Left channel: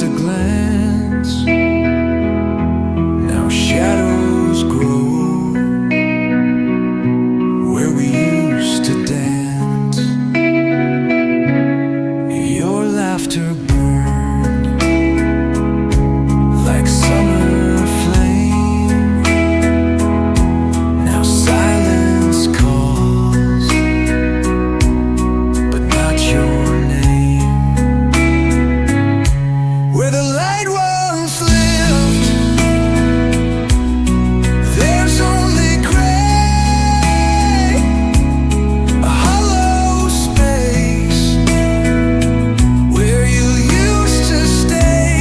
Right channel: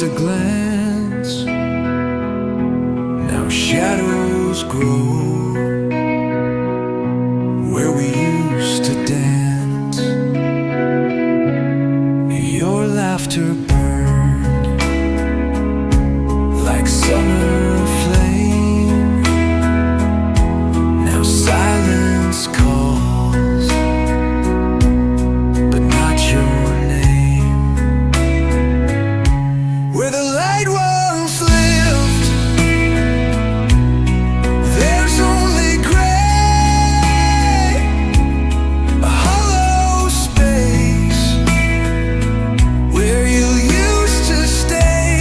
just a glance. Now shadows grow where we used to dance. Your laughter burned like summer flame. Now silence calls, but not your name. Where the light once lived, there's only gray, a hollow space where you used to stay.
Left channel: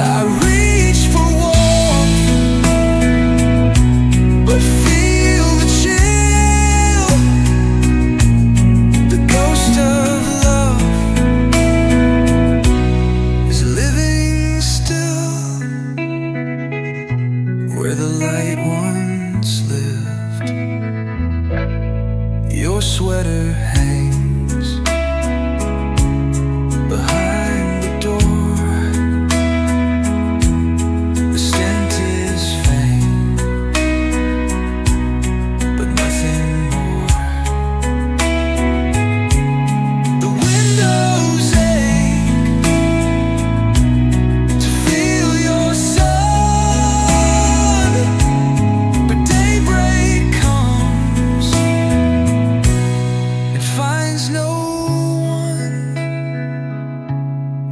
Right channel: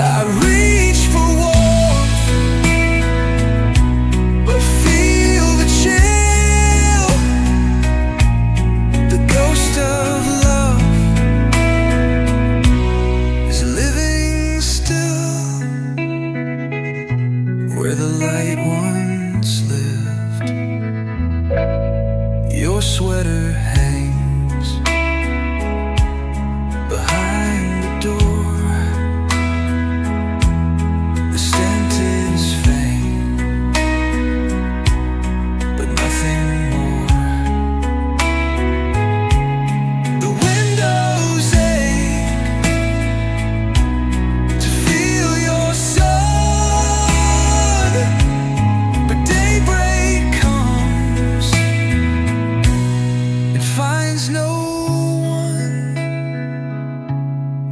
I reach for warmth, but feel the chill. The ghost of love is living still where the light once lived. Your sweater hangs behind the door. The scent is faint, but nothing more. The windows ache to feel your sun, but daybreak comes, it finds no one.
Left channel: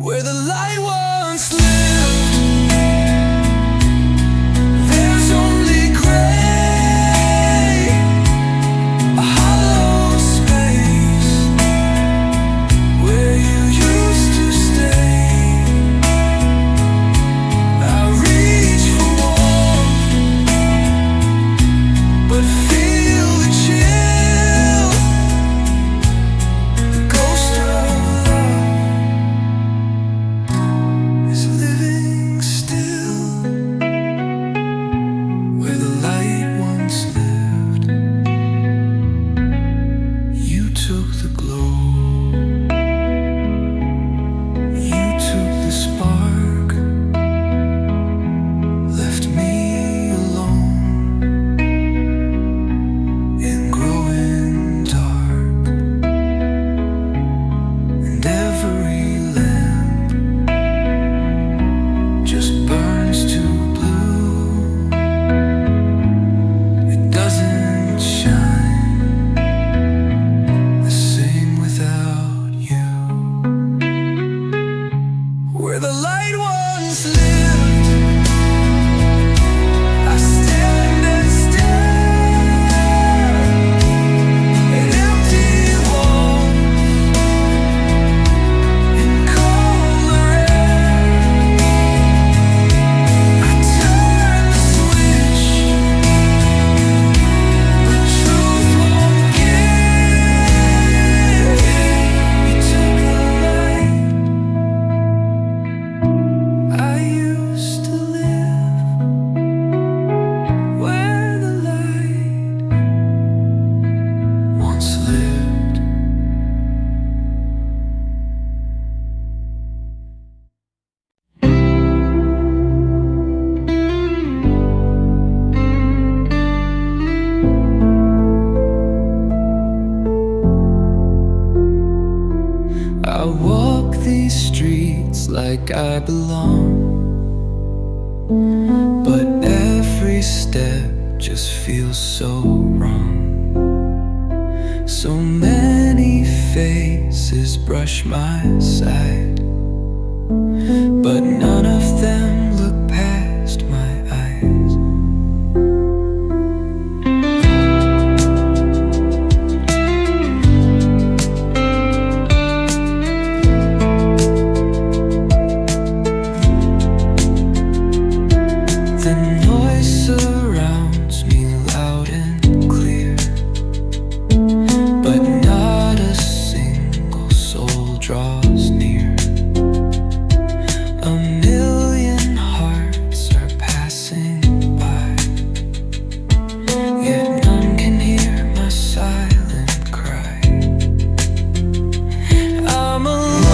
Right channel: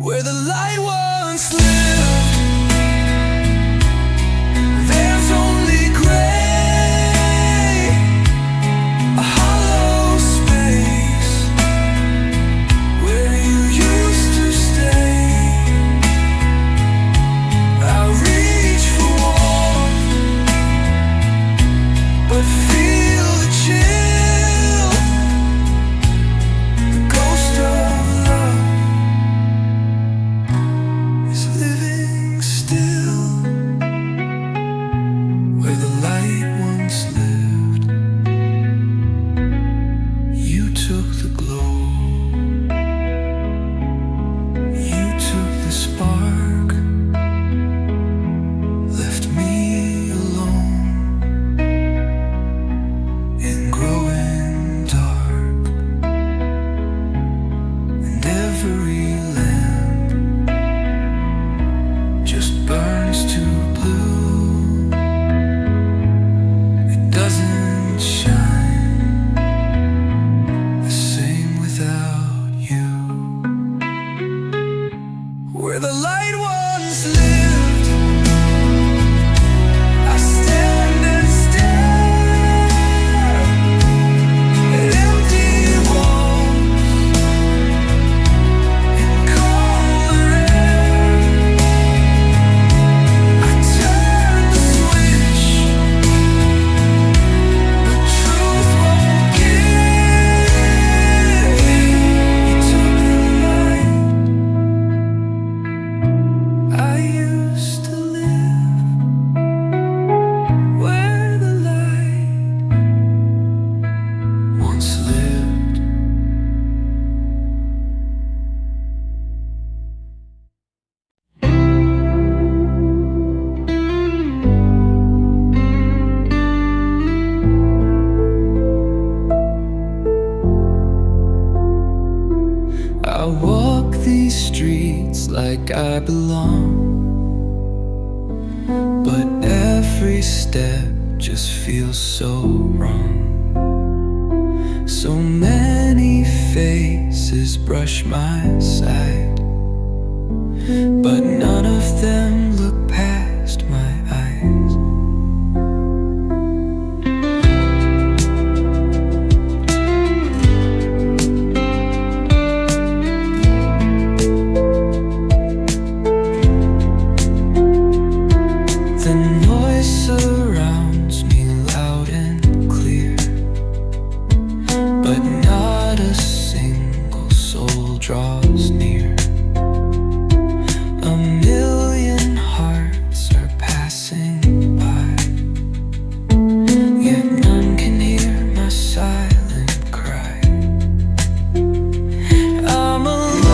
Where the light once lived, there's only gray, a hollow space where you used to stay. I reach for warmth, but feel the chill. The ghost of love is living still where the light once lived. You took the glow, you took the spark, left me alone in growing dark. And every lamp just burns too blue. It doesn't shine the same without you. Where the light once lived, I stand and stare at empty walls and colder air. I turn the switch, but truth won't give. You took the light I used to live, where the light once lived. I walk these streets like I belong, but every step just feels so wrong. So many faces brush my side, but none of them look past my eyes. The noise surrounds me loud and clear, but not a single soul draws near. A million hearts are passing by, yet none can hear my silent cry. I'm alone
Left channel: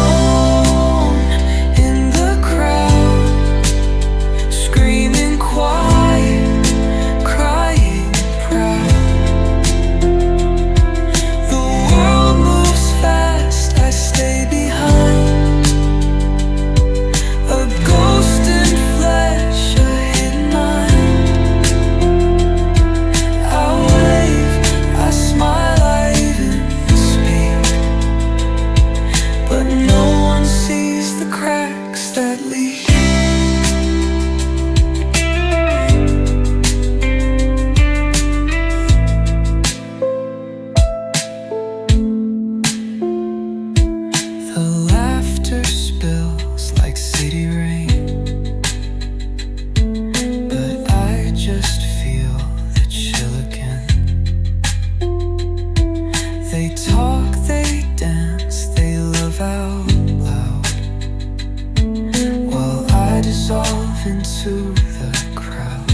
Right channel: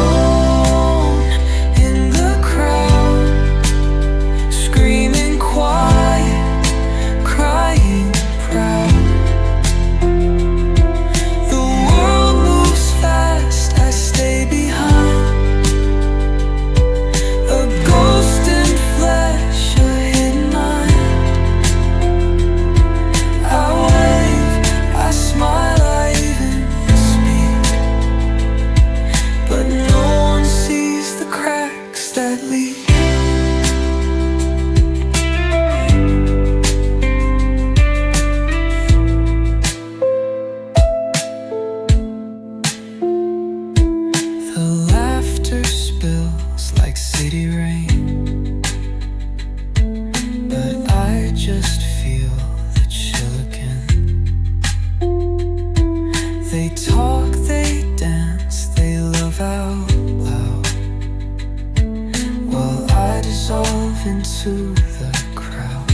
dissolve into the crowd.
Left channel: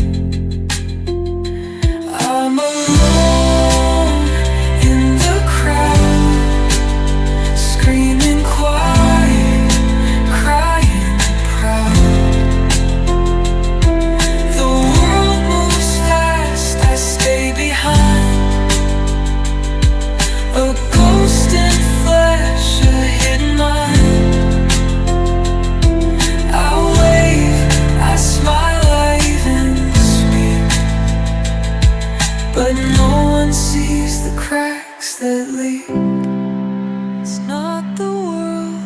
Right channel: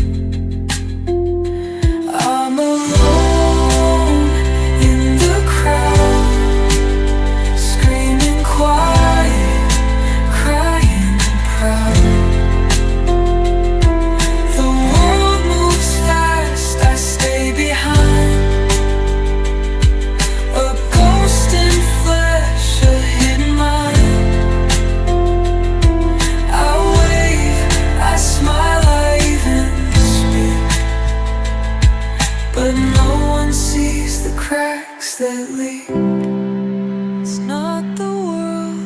I'm alone in the crowd, screaming quiet, crying proud. The world moves fast, I stay behind, a ghost in flesh, a hidden mind. I wave, I smile, I even speak, but no one sees the cracks that leak. It's not the world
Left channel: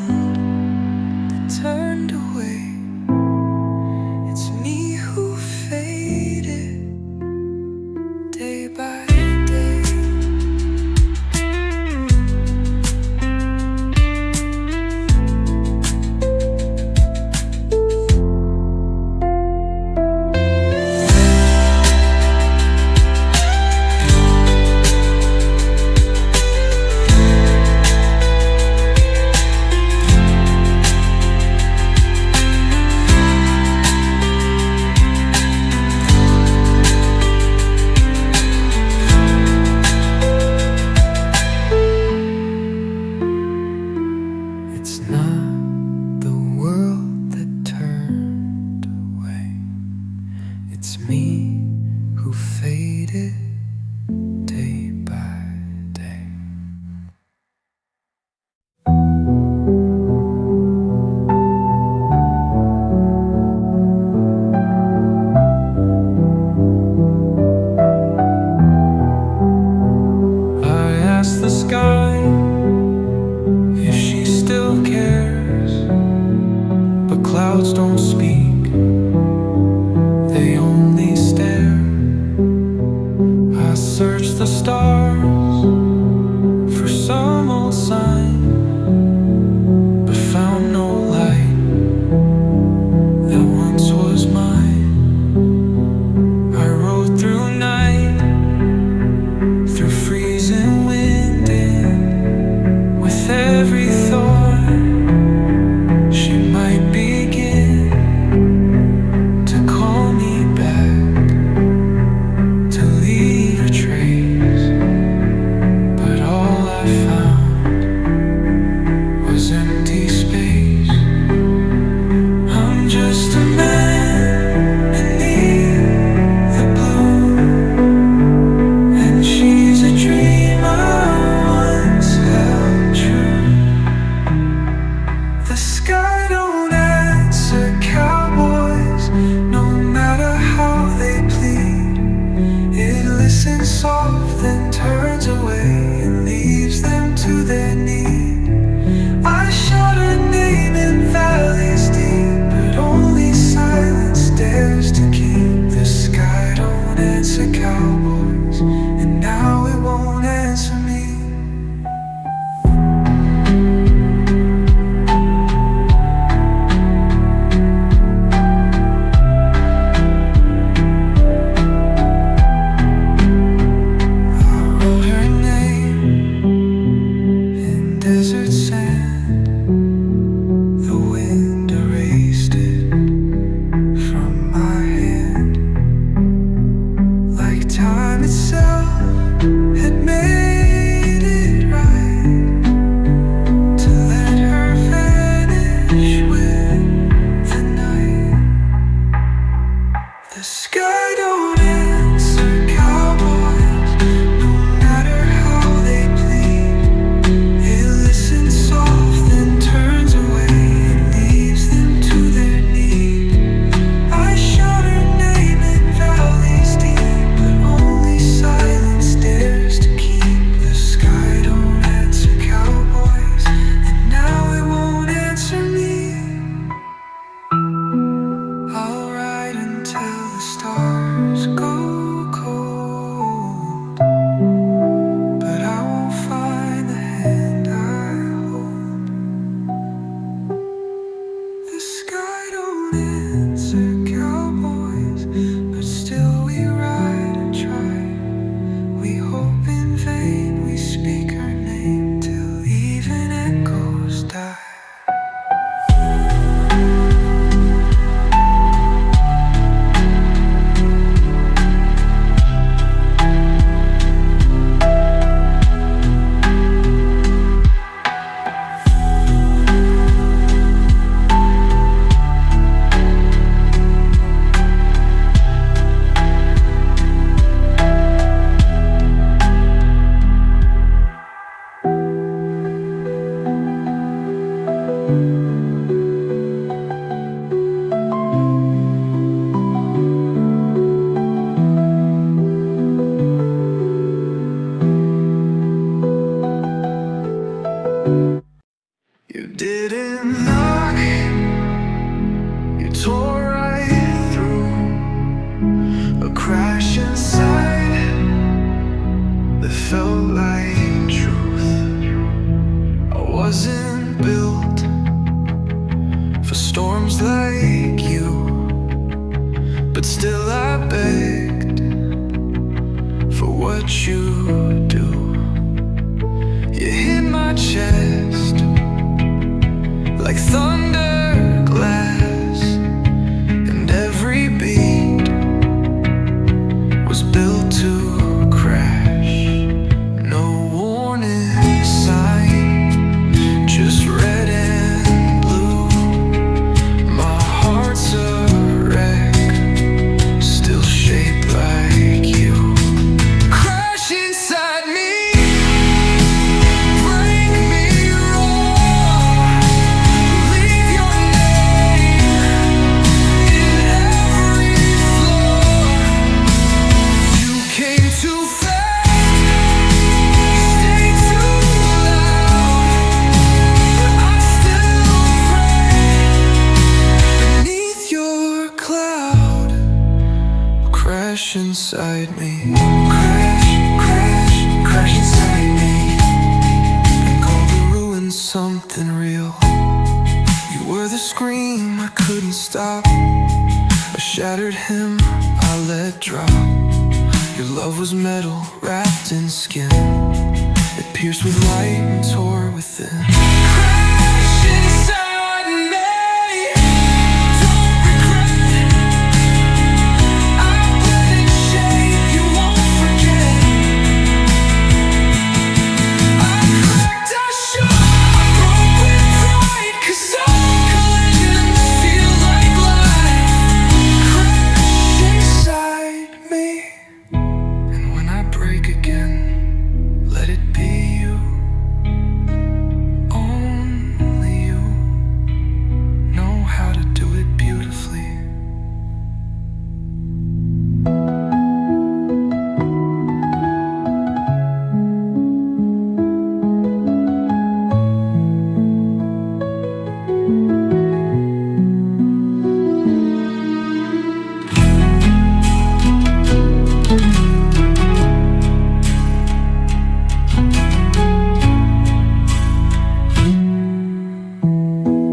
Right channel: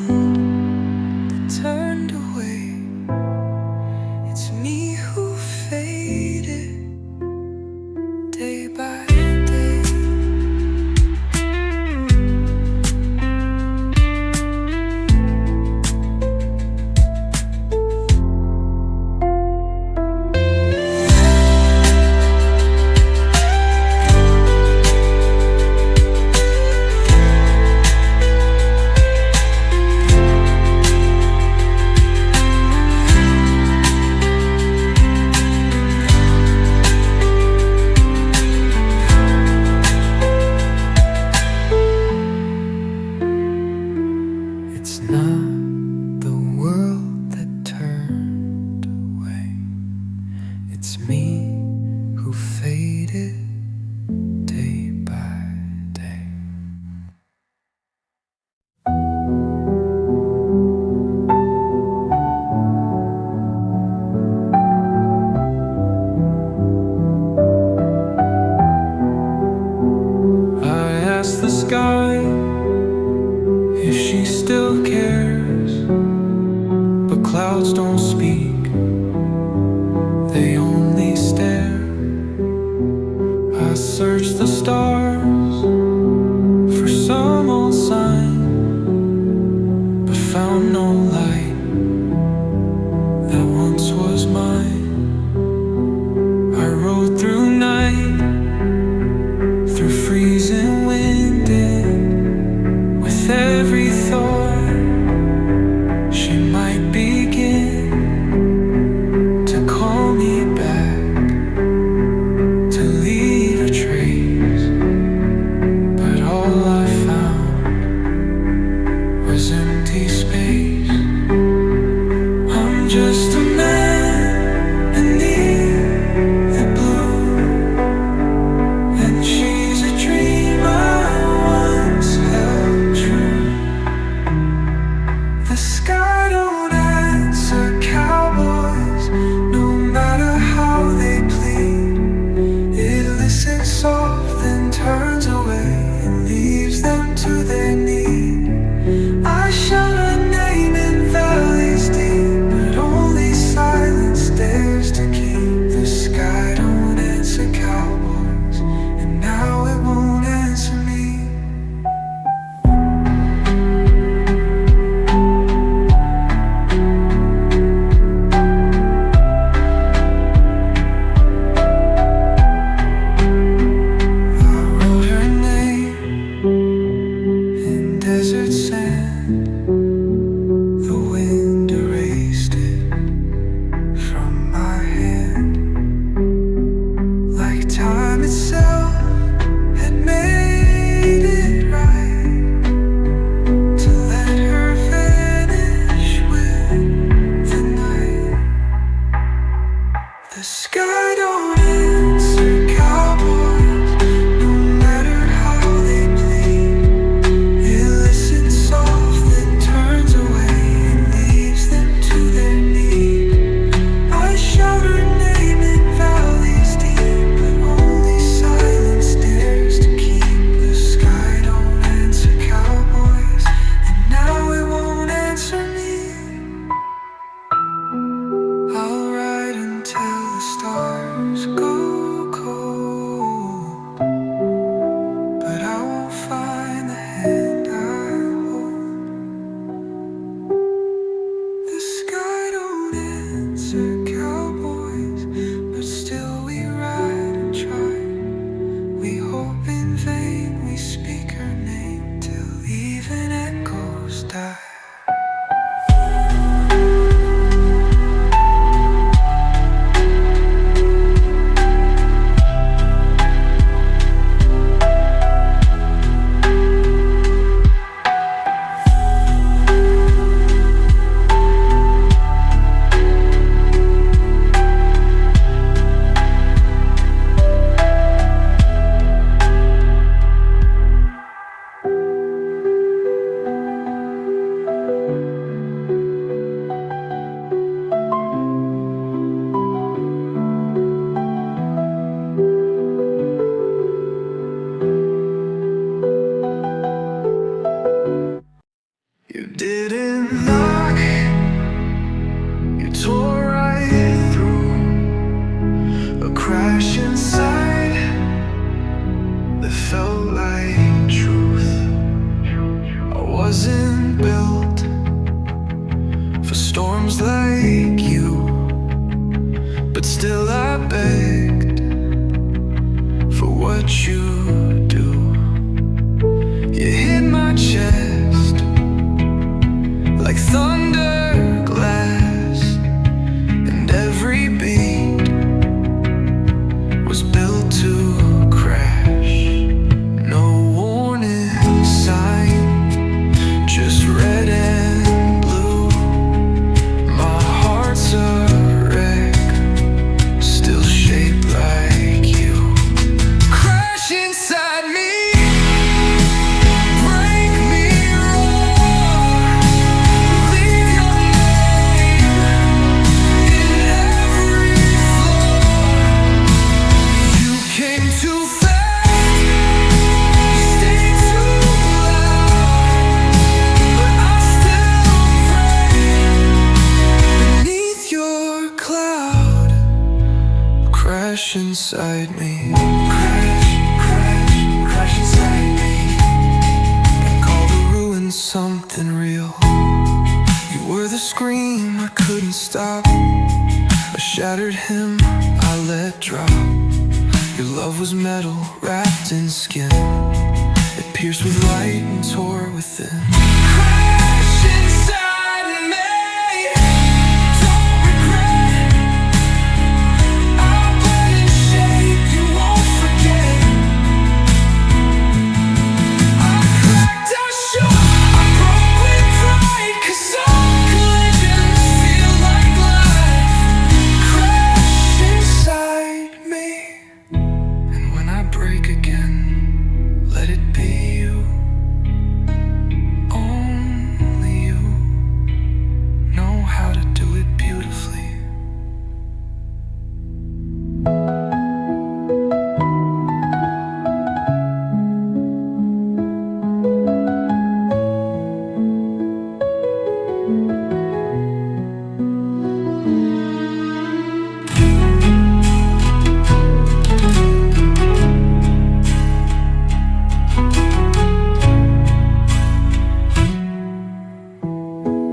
that turned away, it's me who faded day by day. It's not the world that turned away, it's me who faded day by day. I asked the sky if she still cares, but clouds don't speak, they only stare. I searched the stars for some old sign, but found no light that once was mine. I rode through night, through freezing wind, and with every thought she might begin to call me back, to leave a trace, but all I found was empty space. I'm just a man beneath the blue, and she's a dream I once held true. The sky don't answer cowboys, no matter how they plead. It listens soft and turns away and leaves them to their need. I shout her name in valleys deep, but only silence dares to keep. The sky don't answer cowboys, and now it won't answer me. Desert sand, the wind erased it from my hand, like time itself had made it right to let her vanish with the night. The sky don't answer cowboys, no matter how they plead. It listens soft and turns away and leaves them to their need. I shout her name in valleys deep, but only silence dares to keep. The sky don't answer cowboys, and now it won't answer me. I'll ride until the stars go cold, but I won't find the hand I hold. The sky don't answer cowboys, but still we ride and try. We hope in vain, we speak her name till even echoes die. You tore right through a crash inside that felt like truth. I wasn't built for storms like you, but still I begged for what you do. You hit my chest like thunder glass, and every beat was built to crash. No warning sign, just red and blue. My heart's a wreck, still shaped like you. Crash inside me, break me raw, leave your name in every flaw. You came too fast, you stayed too loud, but I still pray beneath your cloud. Crash inside me, crash, crash, crash inside me, and call the ruins something real. You were the scream I couldn't stop, a shattered hymn I let drop. Your love was metal wrapped in skin, it pierced with light and tore within. Crash inside me, don't regret. I'll blend in shape, you won't forget. I cracked, I shook, I broke with pride, 'cause some collisions feel like life. Crash inside me, and when I break again, let it be you, only you know how to do it beautifully.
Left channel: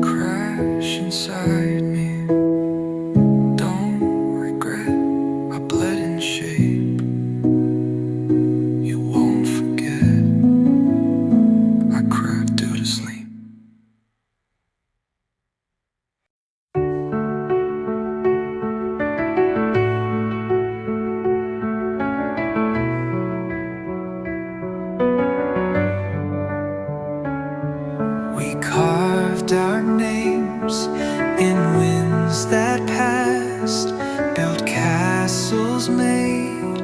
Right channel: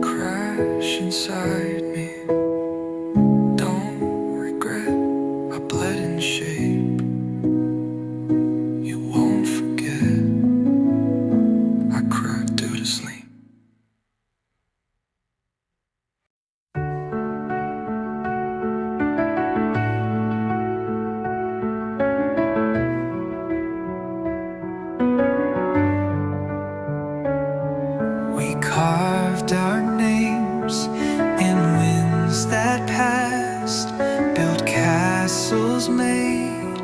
Crash inside me, don't regret. I bled in shape, you won't forget. I cracked due to sleep. We carved our names in winds that passed, built castles made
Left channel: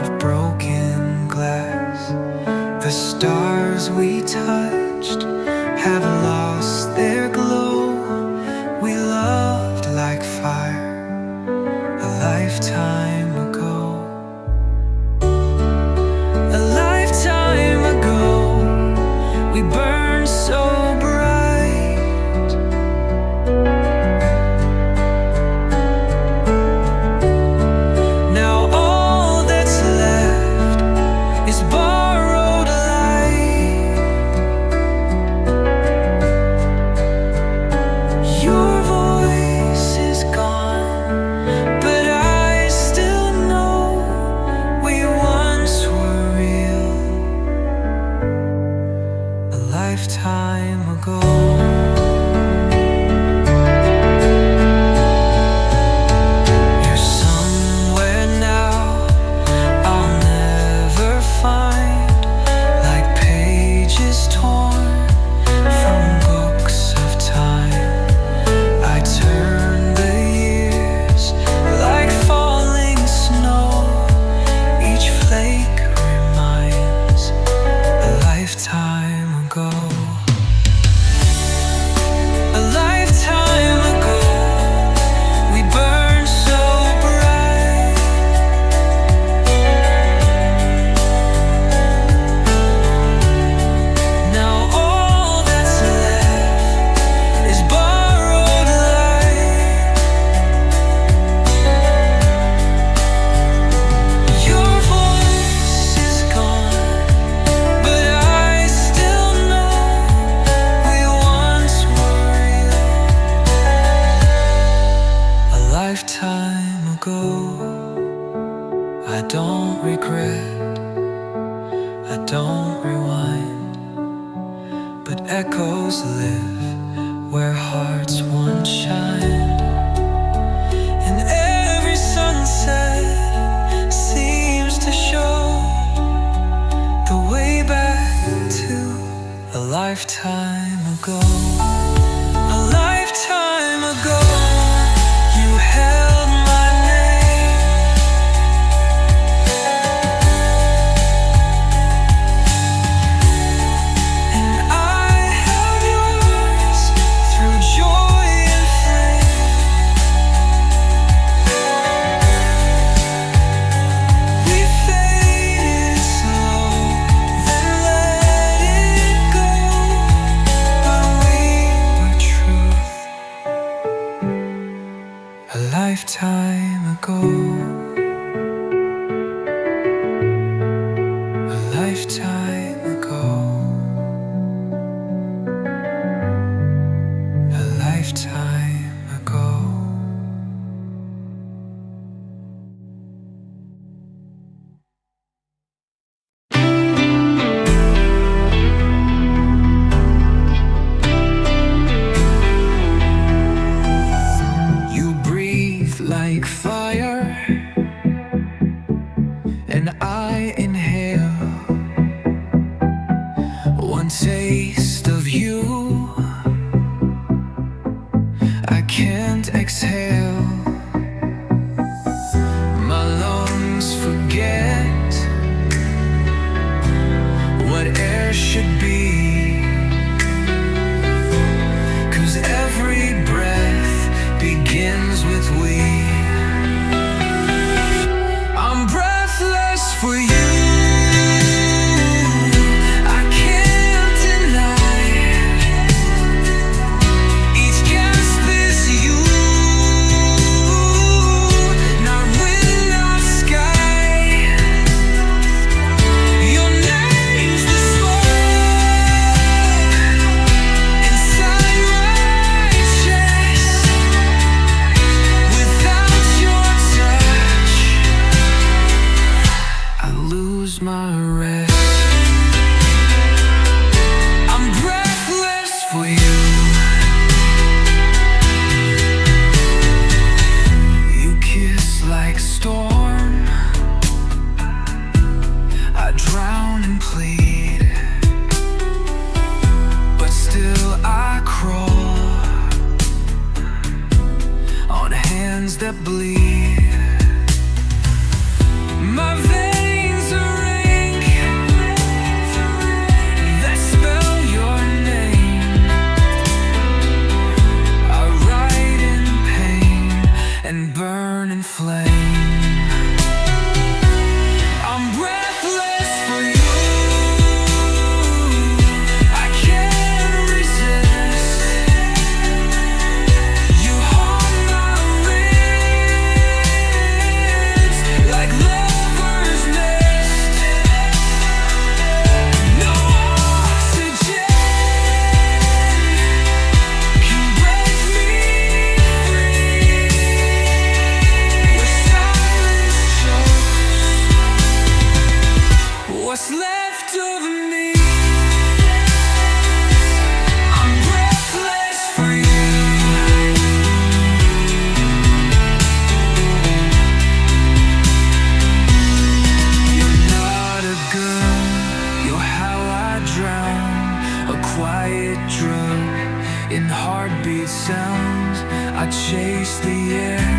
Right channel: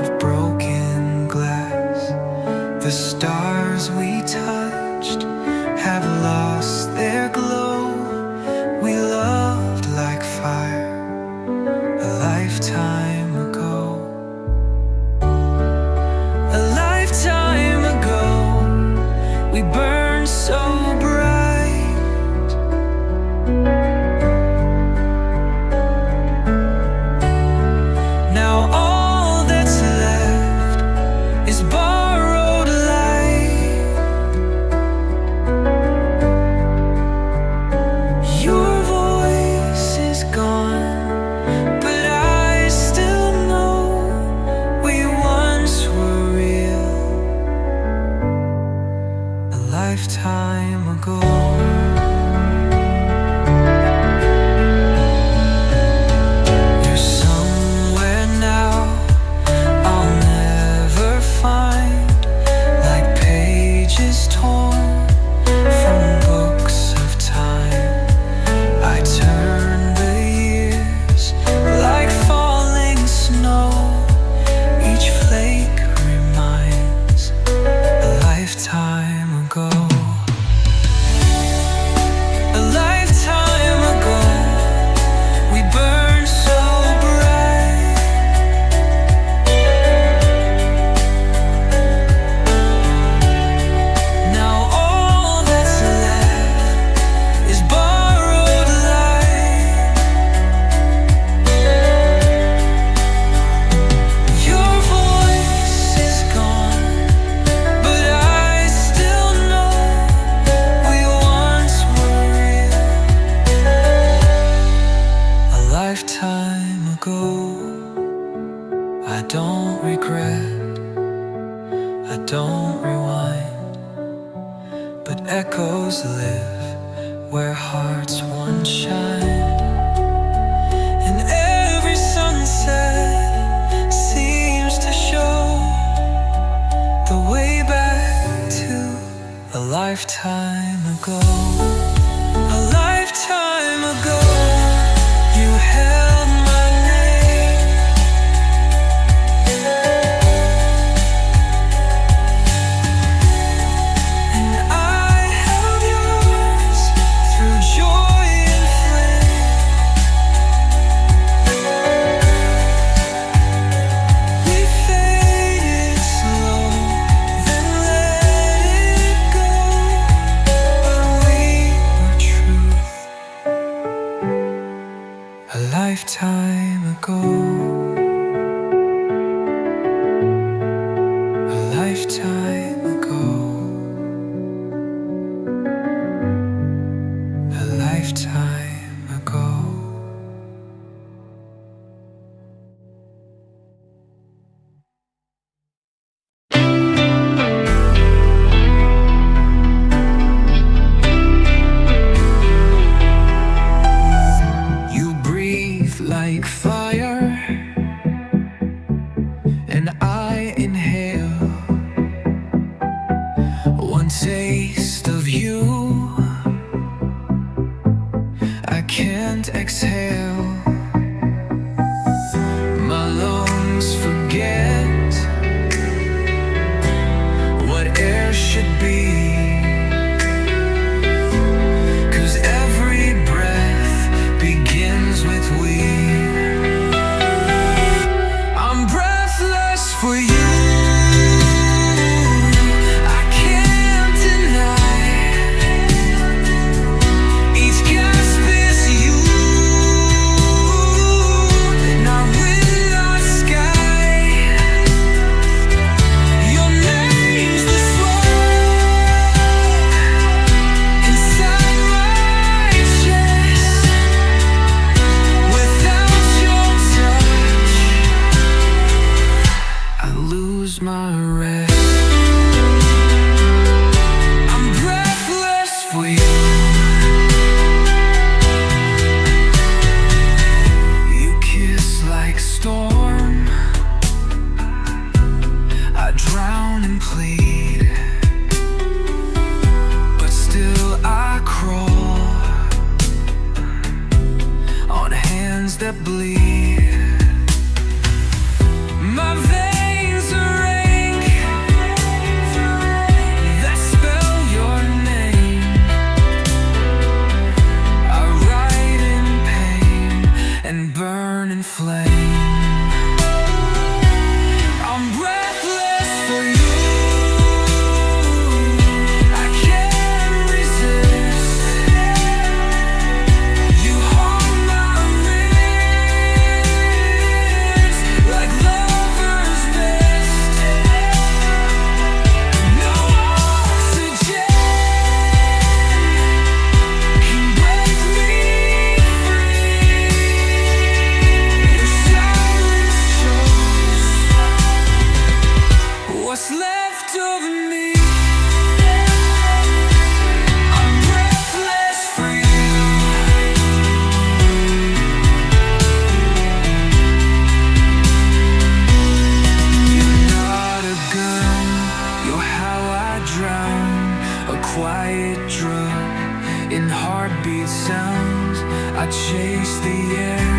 of broken glass. The stars we touched have lost their glow. We loved like fire a lifetime ago. A lifetime ago, we burned so bright. Now all that's left is borrowed light. Your voice is gone, but I still know we once were real. A lifetime ago. You're somewhere now I'll never find. lifetime ago. I don't regret, I don't rewind, but echoes live where hearts once shined. And every sunset seems to show the way back to a lifetime ago. A lifetime ago, you held my name, and I held yours through joy and flame. We faded slow, then let it go, but we were truth. A lifetime ago, a lifetime ago, a lifetime ago. You breathe like fire, and I inhale one taste of you. I can't exhale. My lungs forget what air should be, 'cause every breath begins with we. I'm breathless for you, I can't deny. Each gasp is you, not wind, not sky. Your name's the smoke inside my chest. Without your touch, I lose my rest. I'm breathless for you. You kiss like storm, I drown and plead, but still I crawl on hands that bleed. My veins are ink that spell your name. I write in pain and burn in flame. I'm breathless for you, I can't resist. You haunt my ribs like lover's nest. No oxygen can break me free. Your silence shows what's left of me. I'm breathless for you. You're not a girl, you're how I drown. A quiet drug in heartbeat sounds. I chase the air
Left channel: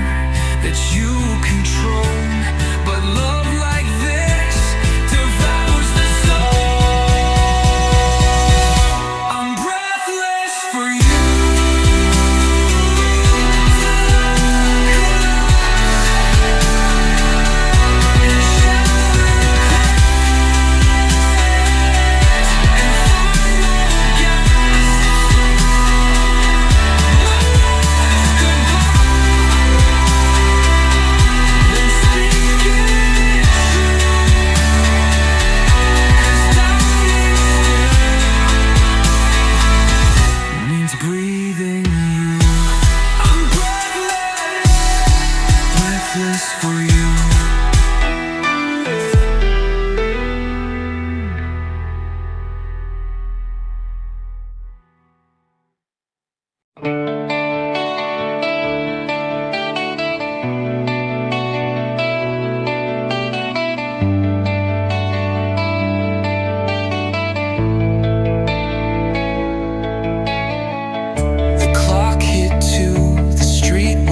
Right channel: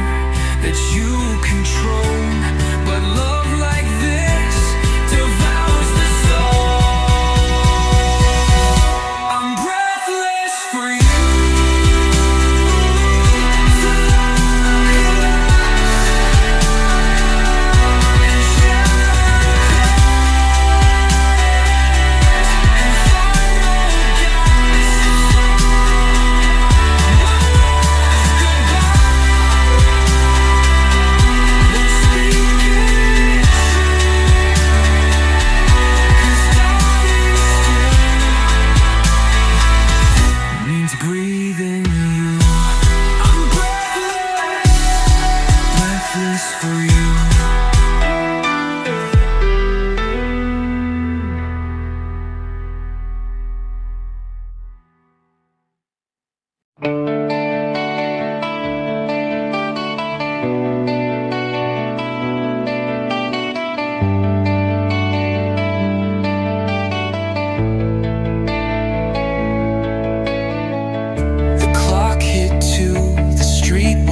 that you control, but love like this devours the soul. I'm breathless for you, till I collapse in shattered prayers, in final gasps. My last goodbye won't speak it true.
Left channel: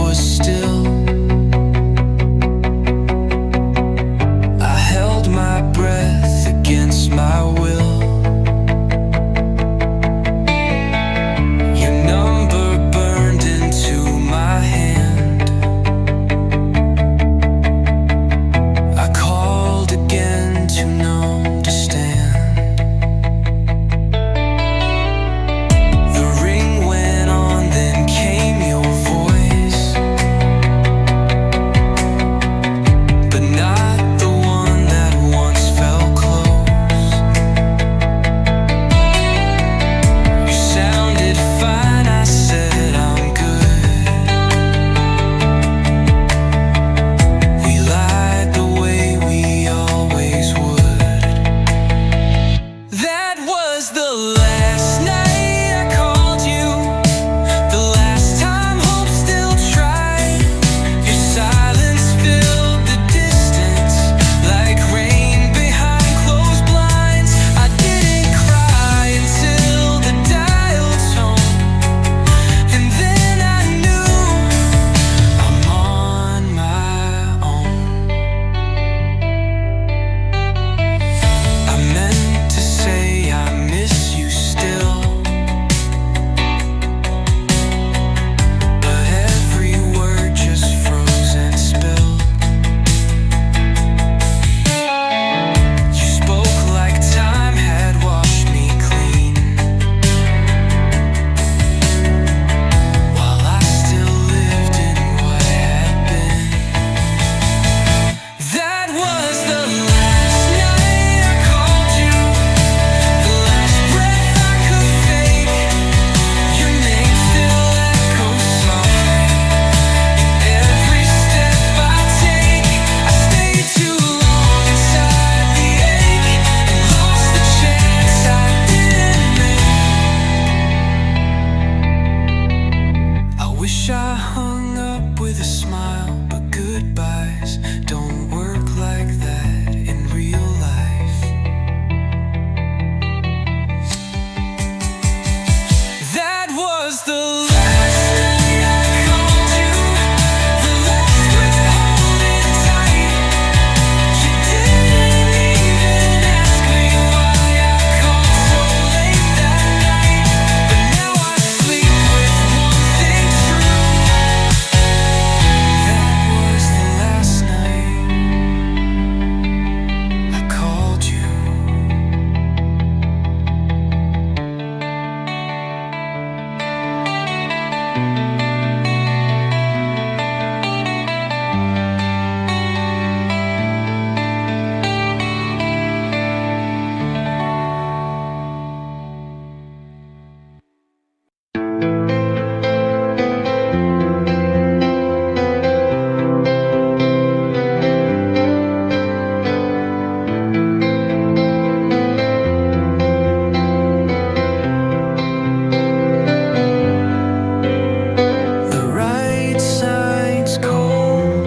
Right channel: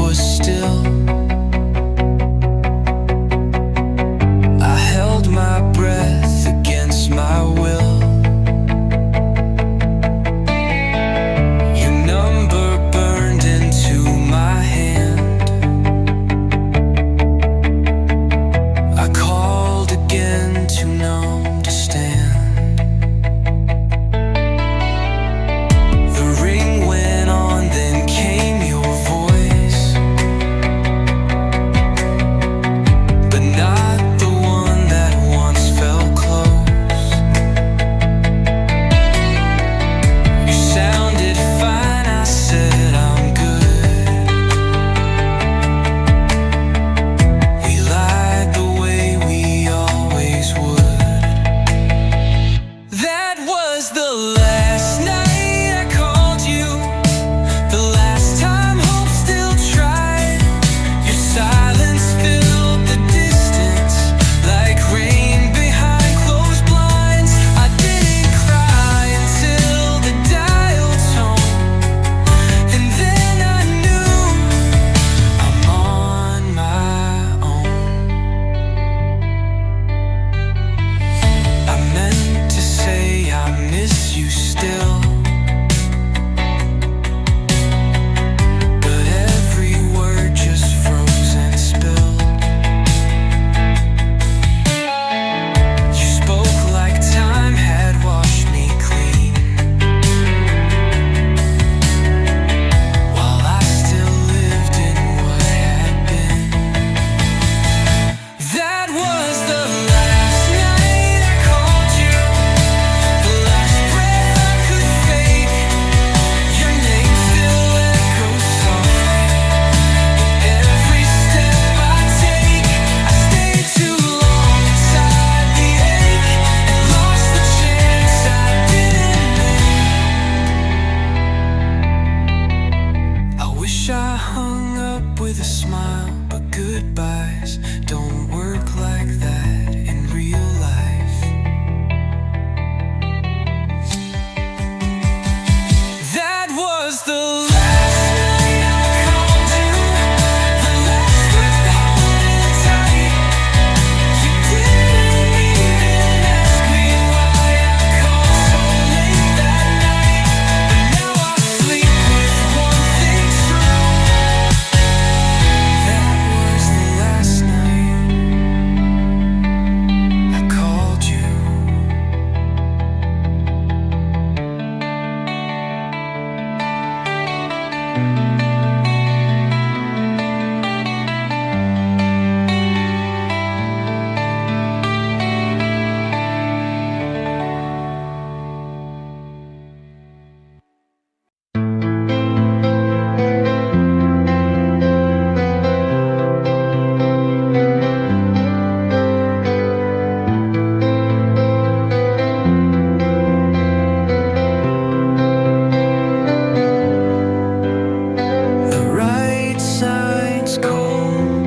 was still. I held my breath against my will. Your number burned into my hand. I called again, too numb to stand. The ring went on, then came your voice, but not the one that once felt close. You sounded fine, I said I'm good. We lied the way we always would. That was the last night I called you, the last time hope still tried. Your silence filled the distance like rain behind closed blinds. I didn't cry until the dial toned, and then I knew I'm on my own. I meant to say I miss you still, but every word just froze and spilled. You spoke like time had washed me clean, while I still lived in what had been. That was the last night I called you, the last breath I could fake. Your name still echoes softly in every step I take. I stayed too long inside the ache and lost the chance I didn't make. I wish I hung up with a smile, but goodbyes don't work like that in real life. That was the last night I called you, the last thread holding tight. You didn't even ask me why I called so late that night, but now I sleep with one thing true. That was the last night I called you. The right side's cold,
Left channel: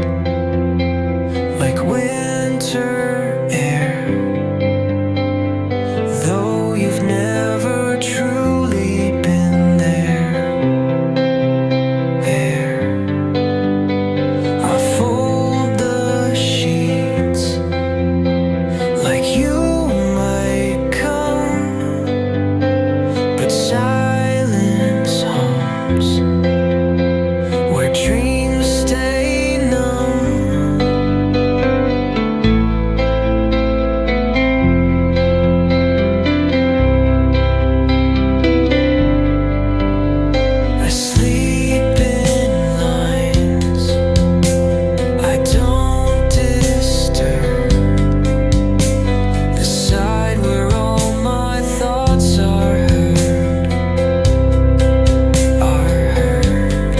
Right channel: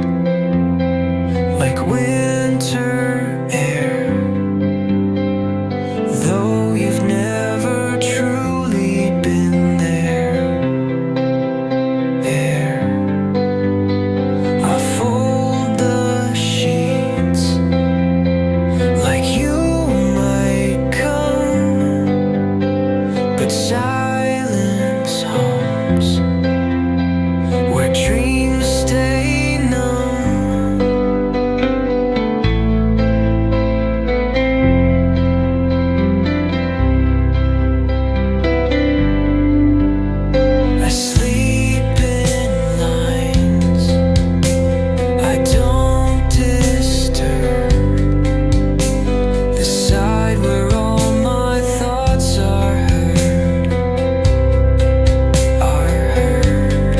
like winter air, though you've never truly been there. There, I fold the sheets like you might come, but silence hums where dreams stay numb. I sleep in lines I don't disturb, the side where all my thoughts are heard, are heard.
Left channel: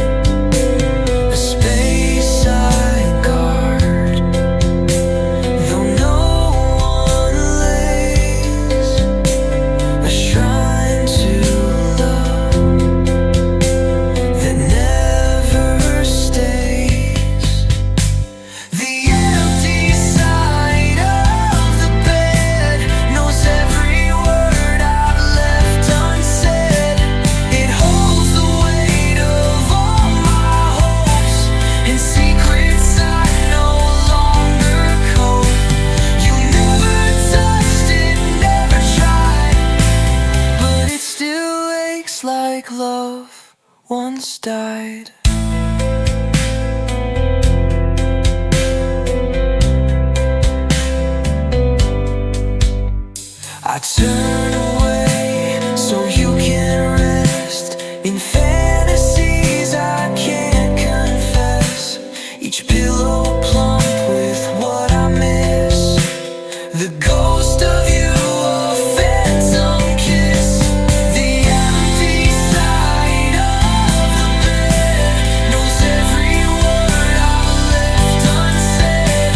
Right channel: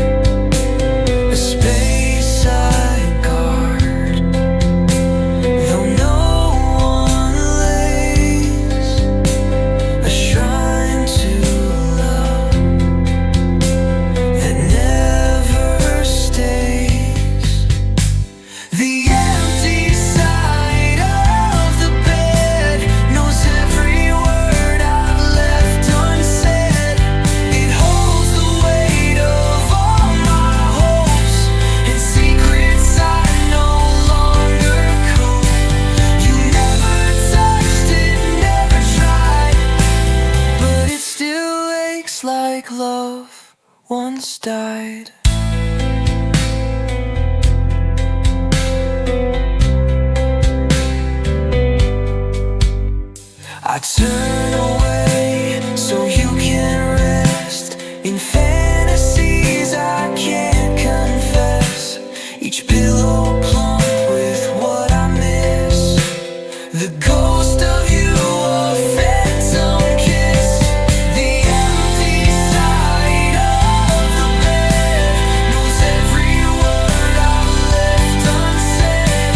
A space like love once died. I turn away so you can rest in fantasies I can't confess. Each pillow plump with what I miss, the ghost of you, a phantom kiss. The empty side of the bed knows every word I've left unsaid.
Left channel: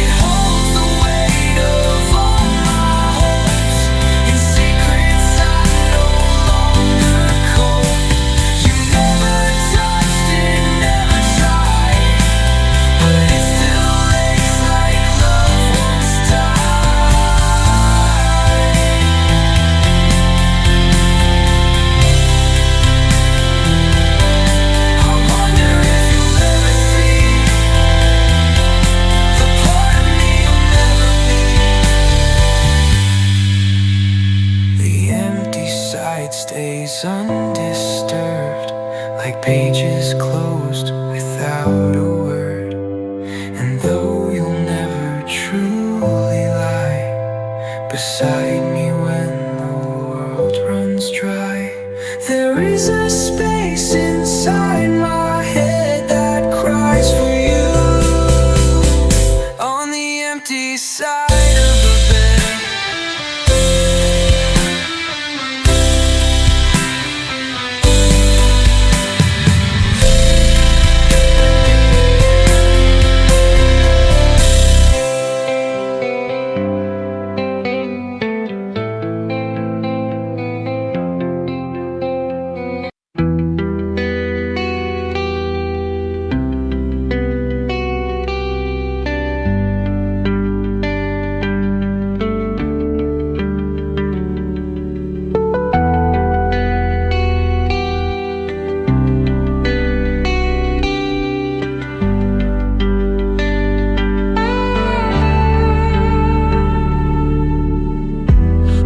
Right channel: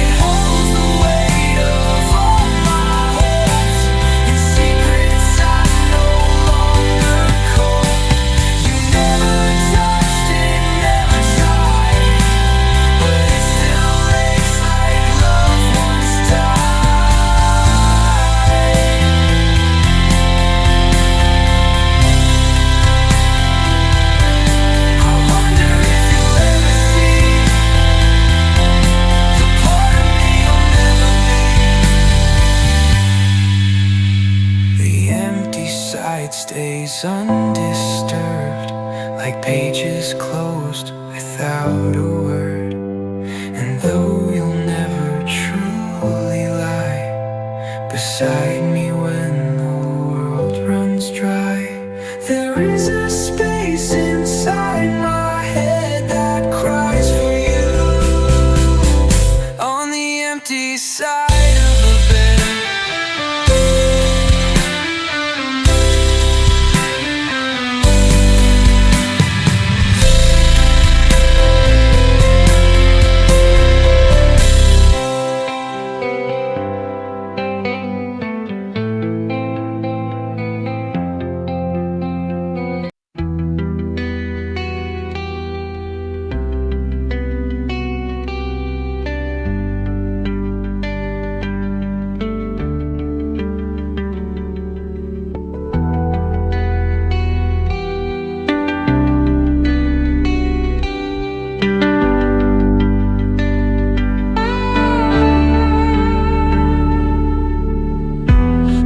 It holds the weight of all my hopes and secrets I no longer cope. You never touched it, never tried, but it still aches like love once died. I wonder if you'll ever see the part of me you'll never be. The empty side stays undisturbed, like pages closed without a word. And though you'll never truly lie beside me when the world runs dry, there is a space inside my head that cries for you on the empty side of the bed.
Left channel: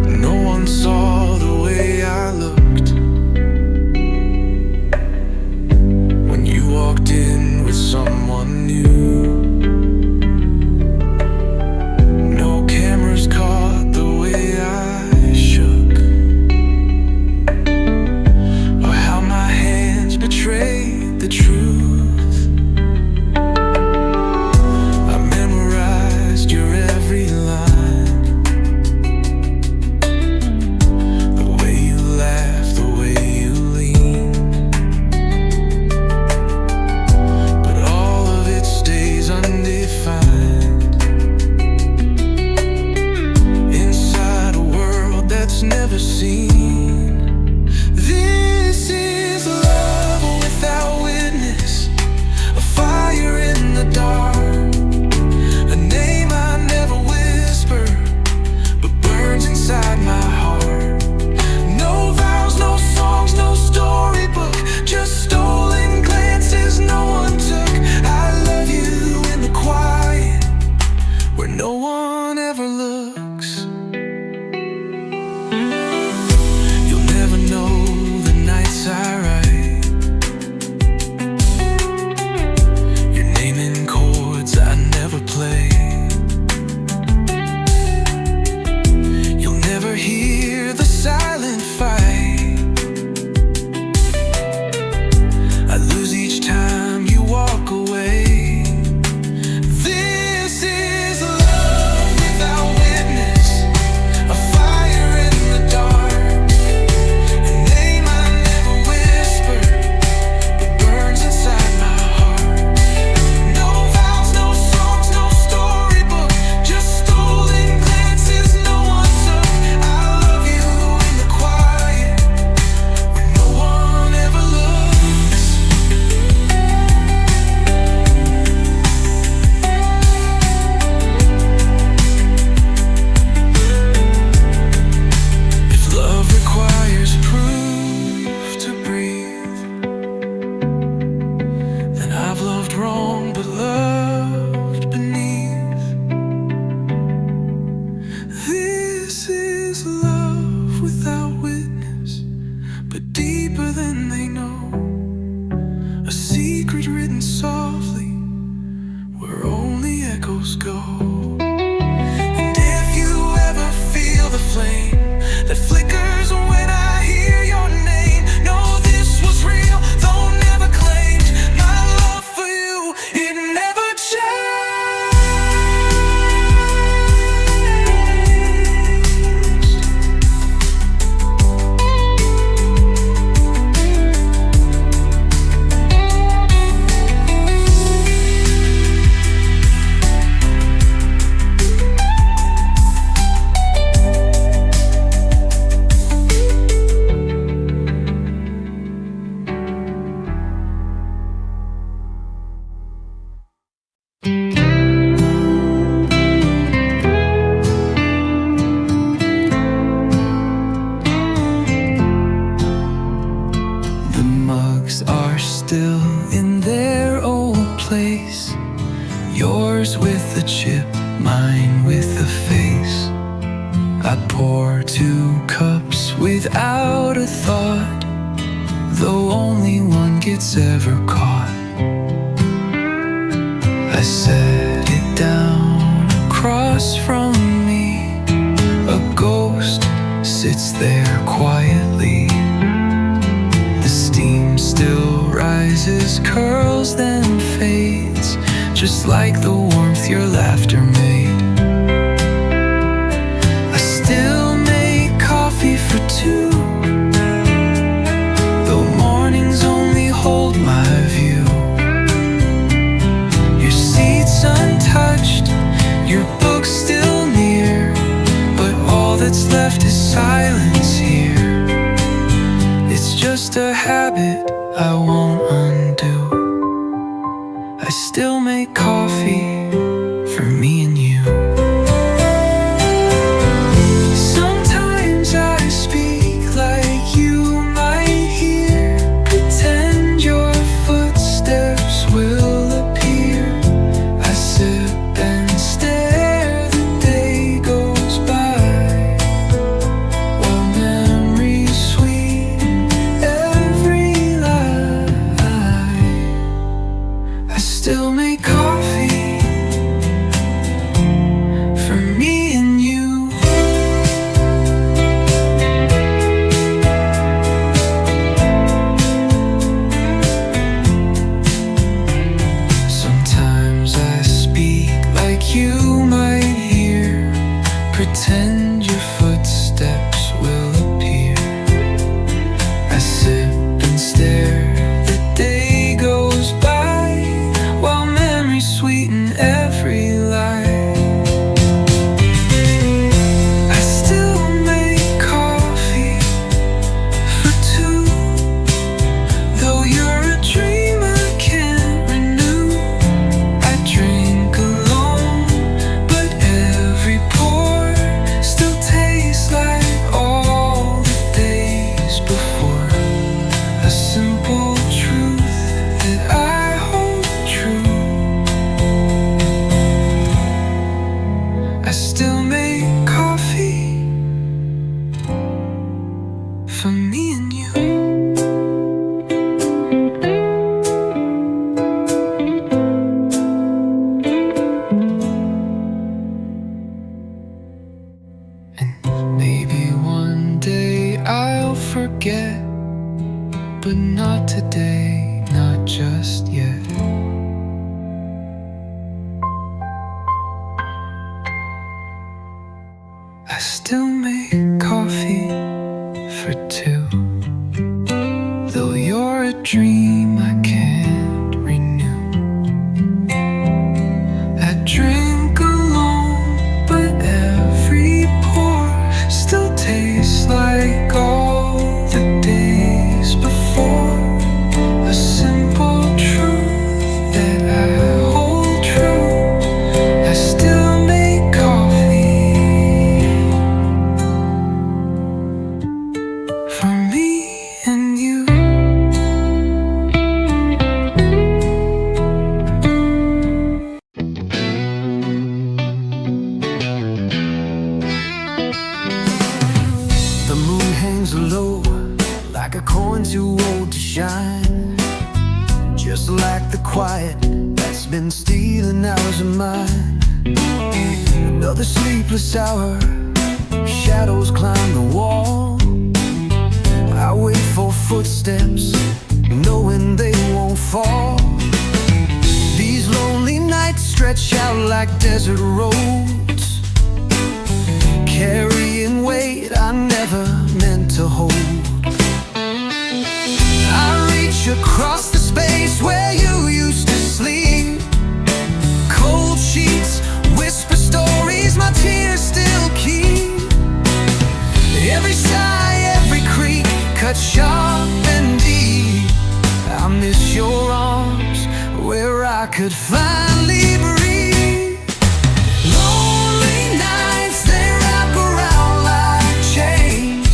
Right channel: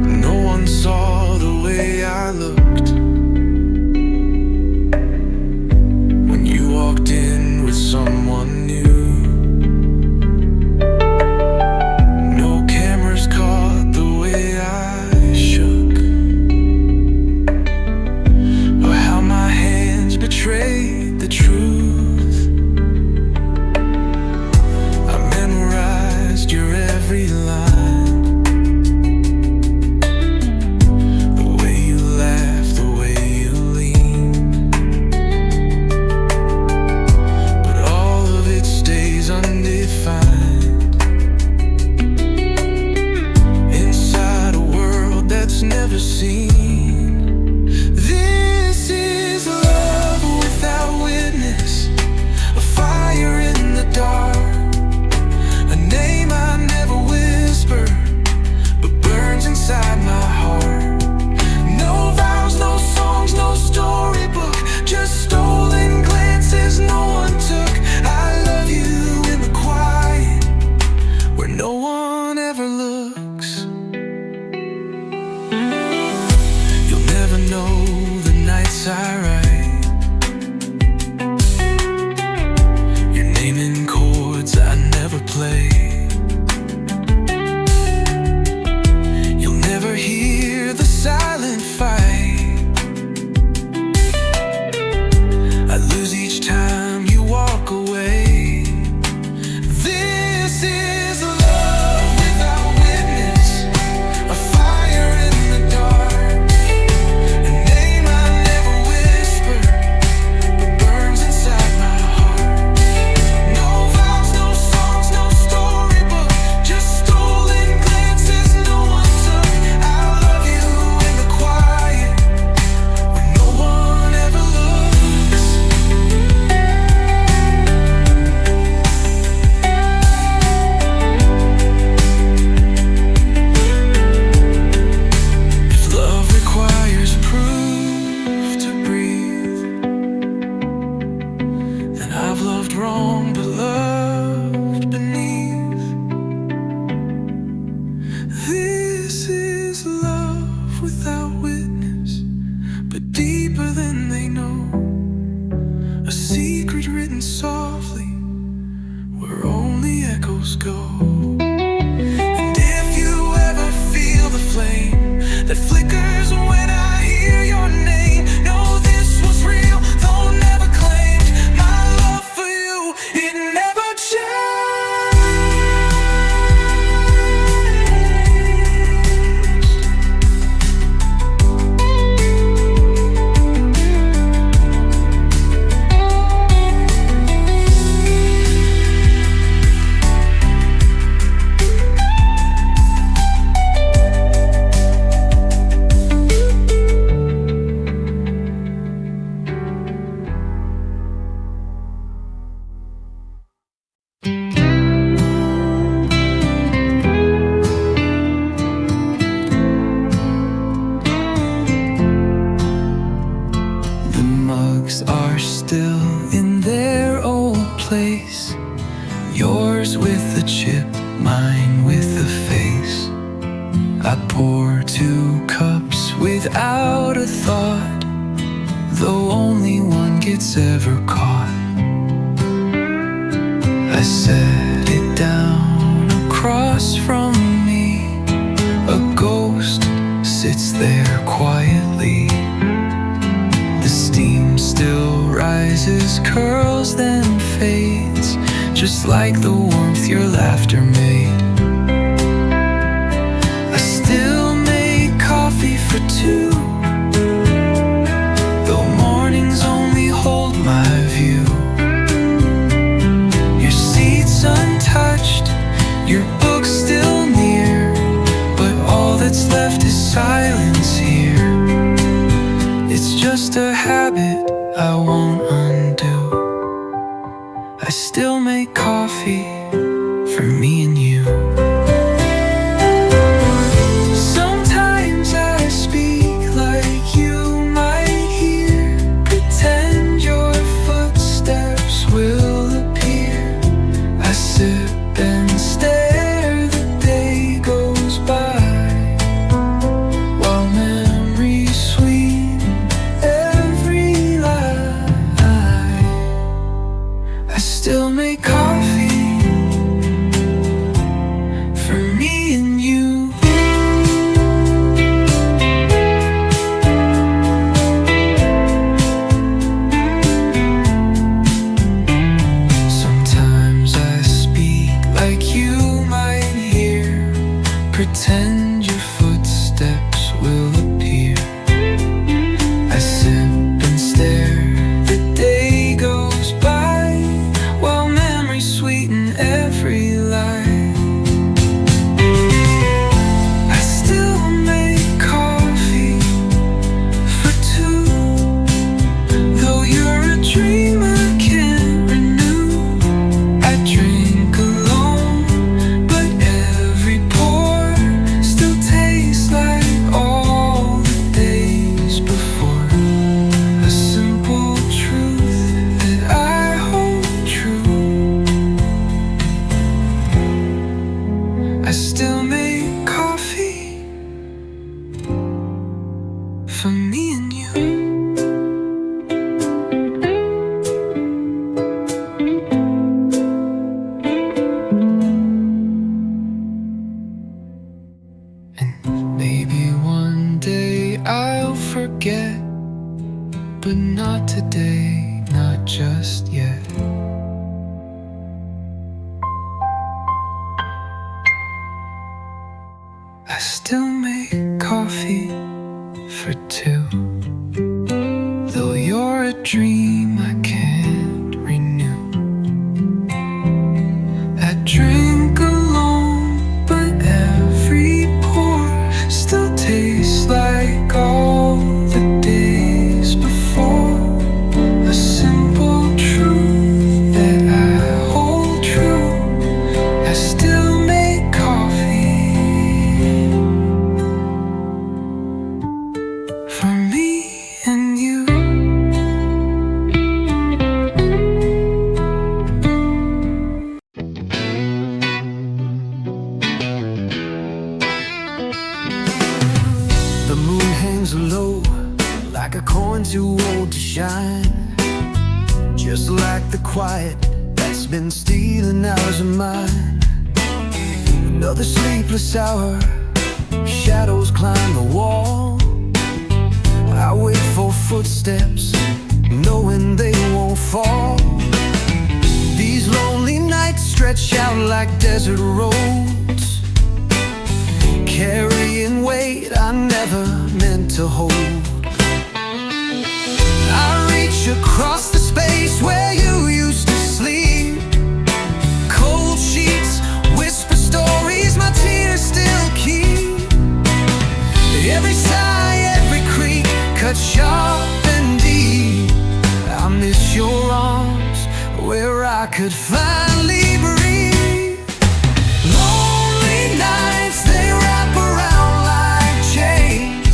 No one saw the way I looked when you walked in with someone new. No cameras caught the way I shook, or how my hands betrayed the truth. I memorized your every line, the way you laugh, the way you lean. But all of it stays undefined inside a world that's never seen. This is love without witness, a fire in the dark, a name I never whisper, but burns inside my heart. No vows, no songs, no storybook, just stolen glances no one took. I love you in the quiet, where no one ever looks. You'll never know the nights I write your name in chords I never play. You'll never hear the silent fight I lose each time you walk away. This is love without witness, a fire in the dark, a name I never whisper, but burns inside my heart. No vows, no songs, no storybook, just stolen glances no one took. I love you in the quiet, where no one ever looks. If love requires proof to breathe, then I've loved wrong but loved beneath. This is love without witness, but deeper than candles go. And if you ever feel the flame that flickers when I hear your name, know this was real, though never claimed. My love for you, it never changed. The mugs are still in their old place. Yours with the chip, mine with the face. I pour 2 cups without a thought, though only one gets ever caught. I set it down across from me. A ghost sits there quietly. The steam still rises, curls, then fades, just like the warmth your laughter made. I still make coffee for 2, though mornings only hold my view. Your seat's untouched, your book's still near, but all that's left is silence here. It's just a habit I won't undo. I still make coffee for me and you. Sometimes I speak like you might hear, pretend your footsteps will appear. I sip and stare, the day goes by, while memories sweeten every lie. I still make coffee for me and you. Sometimes I speak like you might hear, pretend your footsteps will appear. I sip and stare, the day goes by, while memories sweeten every lie. I still make coffee for 2, though you're a dream I can't renew. I drink alone, but every pour still tastes like all the days before. A simple truth that I hold true. I still make coffee for me and you. And maybe one day I'll forget, but not today, not just yet. I still make coffee for 2, though you're a dream I can't renew. I drink alone, but every pour still tastes like all the days before. A simple truth that I hold true. I still make coffee for me and you. The moon hangs low like a coin too old to shine, just like the quiet that's been stealing hours of mine. Another sleepless hour, shadows climb the wall. I wait for footsteps, knowing they won't fall. These lonely nights stretch out like desert roads, carrying weight I never meant to hold. I reach across the space where you used to sleep. Cold sheets whisper stories my tears still keep. Every sigh, every creak, cut sharp and deep. I miss your arms where I could finally breathe. Lonely nights, they wrap around like chains.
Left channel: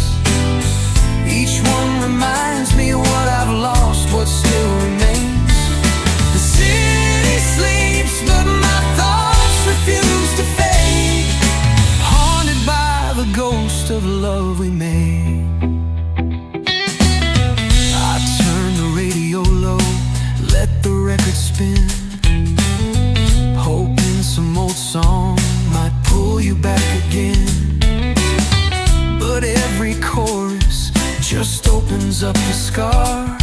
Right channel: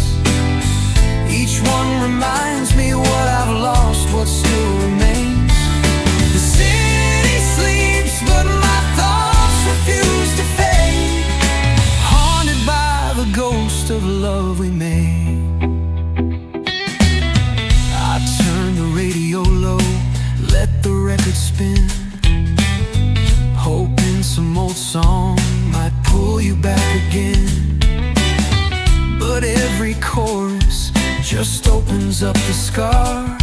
Each one reminds me what I've lost, what still remains. The city sleeps, but my thoughts refuse to fade, haunted by the ghost of love we made. I turn the radio low, let the record spin, hoping some old song might pull you back again. But every chorus just opens up the scar,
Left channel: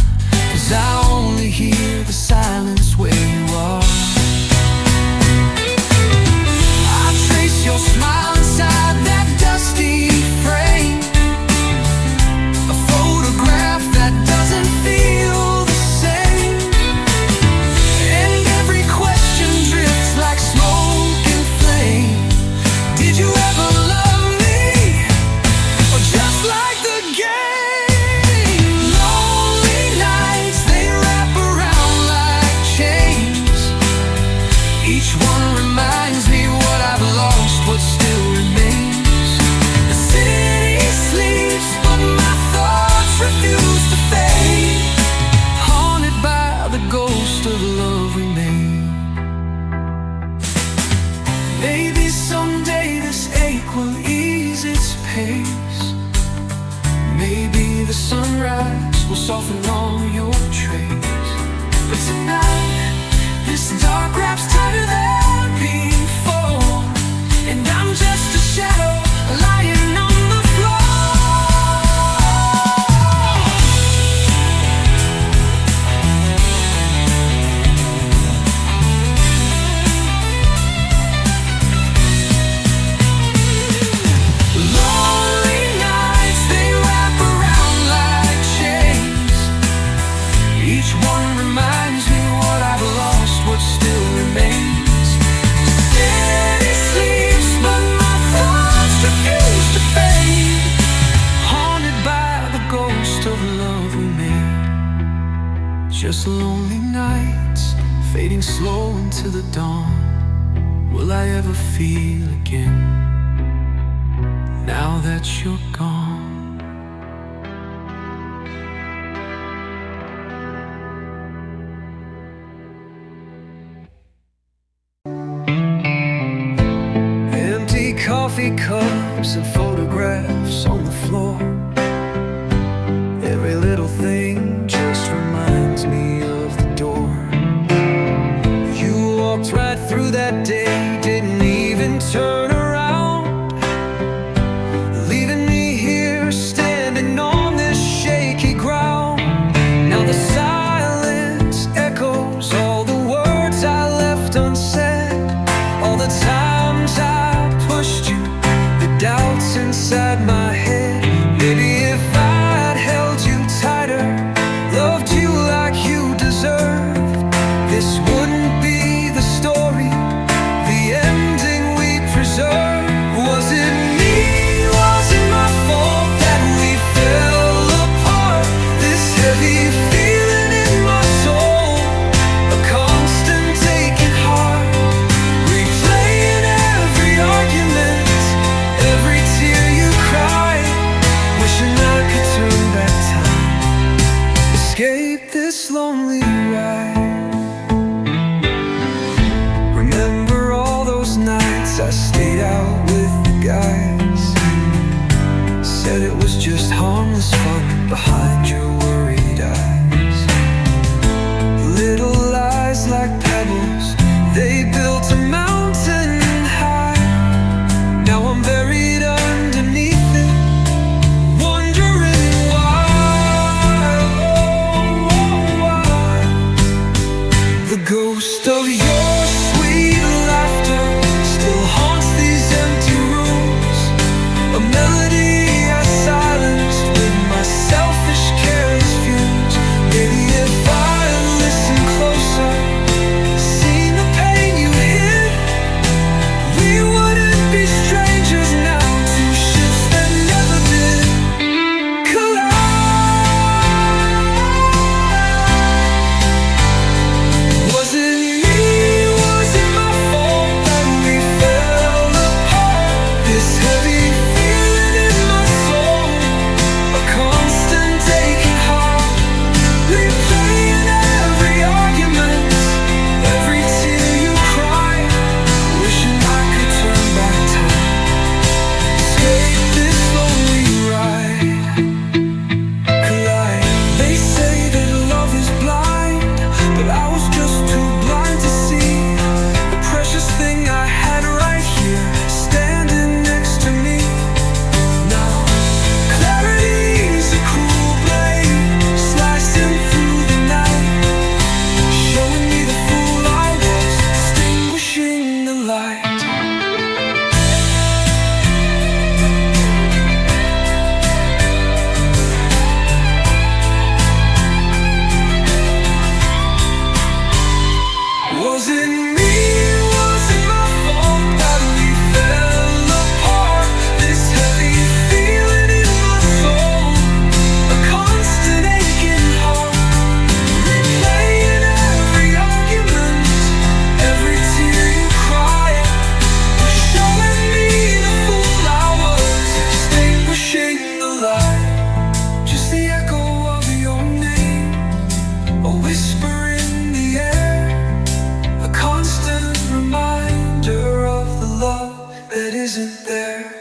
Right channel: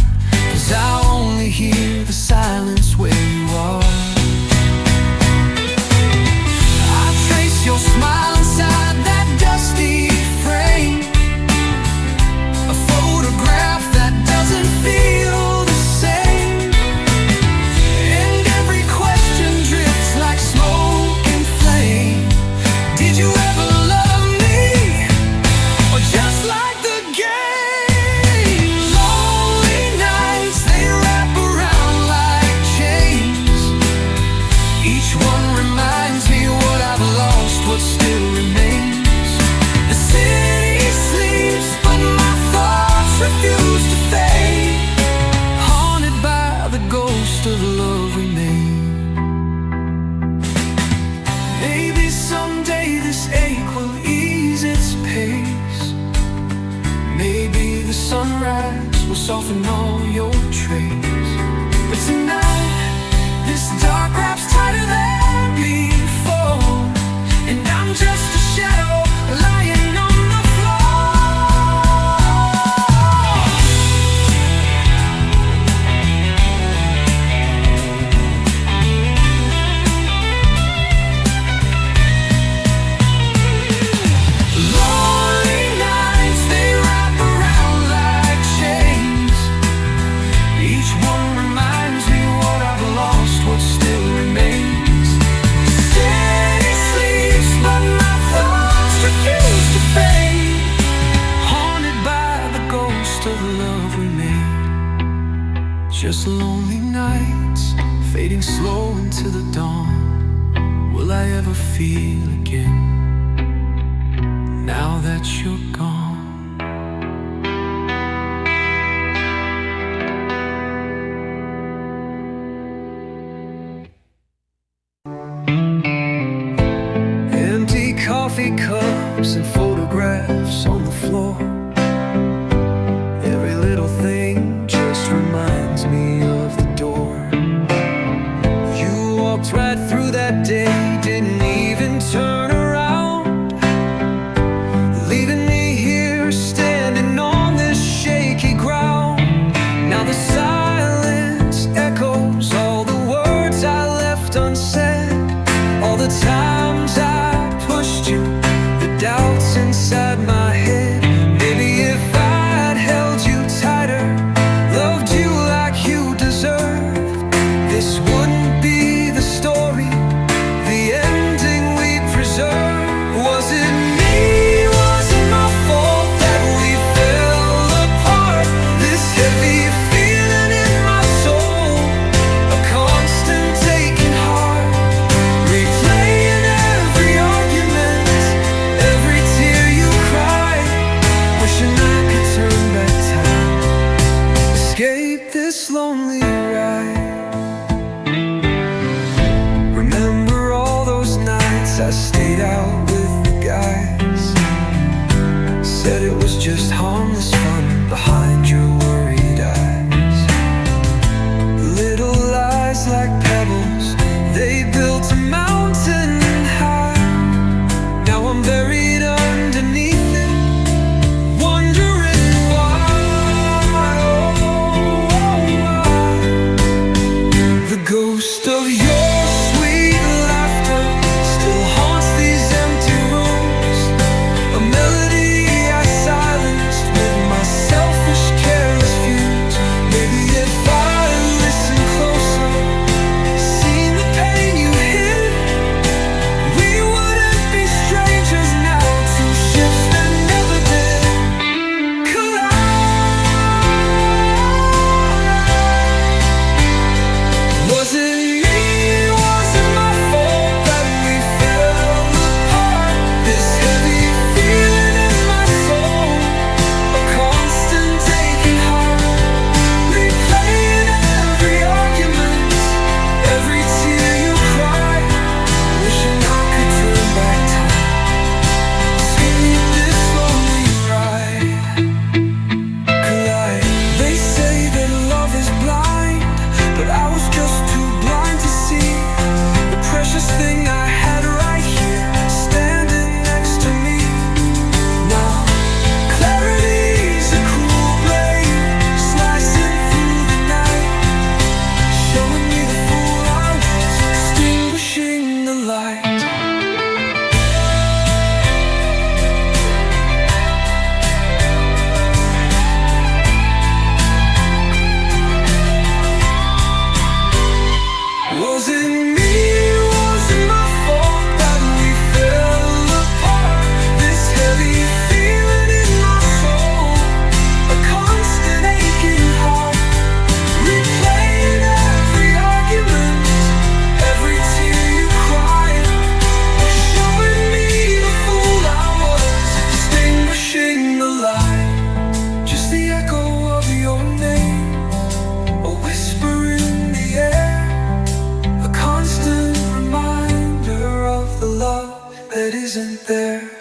'cause I only hear the silence where you are. I trace your smile inside that dusty frame, a photograph that doesn't feel the same. And every question drifts like smoke and flame. Did you ever love me, or just like the game? Lonely nights, they wrap around like chains. Each one reminds me what I've lost, what still remains. The city sleeps, but my thoughts refuse to fade, haunted by the ghost of love we made. Maybe someday this ache will ease its pace. Maybe the sunrise will soften all your traits. But tonight, this dark wraps tighter than before, and I'm just a shadow lying on the floor. Lonely nights, they wrap around like chains. Each one reminds me what I've lost, what still remains. Steady sleeps, but my thoughts refuse to fade, haunted by the ghost of love we made. Just lonely nights, fading slow into the dawn. Will I ever feel again, now that you're gone? Empty coffee cups and photographs on the floor. Every little thing just reminds me of the door. You walked right through that day, didn't even turn around, leaving me here standing on this shaky ground. Now the silence echoes all the words I left unsaid, all the times I pushed you, the doubts inside my head. Maybe if I'd held you tighter, loved you like you deserved, this wouldn't be the story, the ending we preserved. Was it me? Was it my fault that we fell apart? This heavy feeling in my soul, a constant aching heart, replaying every argument, every tear you cried, wishing I could turn back time, escape this lonely ride. Remember all those nights I stayed out with the guys, said it was just harmless fun behind your worried eyes. Little lies like pebbles They built a mountain high. Now I'm buried underneath it, wondering why, oh, why. The ghost of your sweet laughter still haunts these empty rooms. A melody I silenced with my selfish, careless fumes. Maybe if I listened closer, seen the pain you hid, we wouldn't be strangers now. Two ships that never did collide. Was it me? Was it my fault that we fell apart? This heavy feeling in my soul, a constant aching heart, replaying every argument, every tear you cried, wishing I could turn back time, escape this lonely ride. Collide. They say that love is blind, but I was just too blind to see the precious thing I had right here, standing next to me. Now clarity's a cruel blade, slicing through the night, showing me the fool I was, extinguishing the light. Was it me? Was it my fault that we fell apart? This heavy feeling in my soul, a constant aching heart, replaying every argument, every tear you cried, was showing me the fool I was, extinguishing the light. Just the echo of your name, a whisper in the air, a constant reminder of the love that isn't there.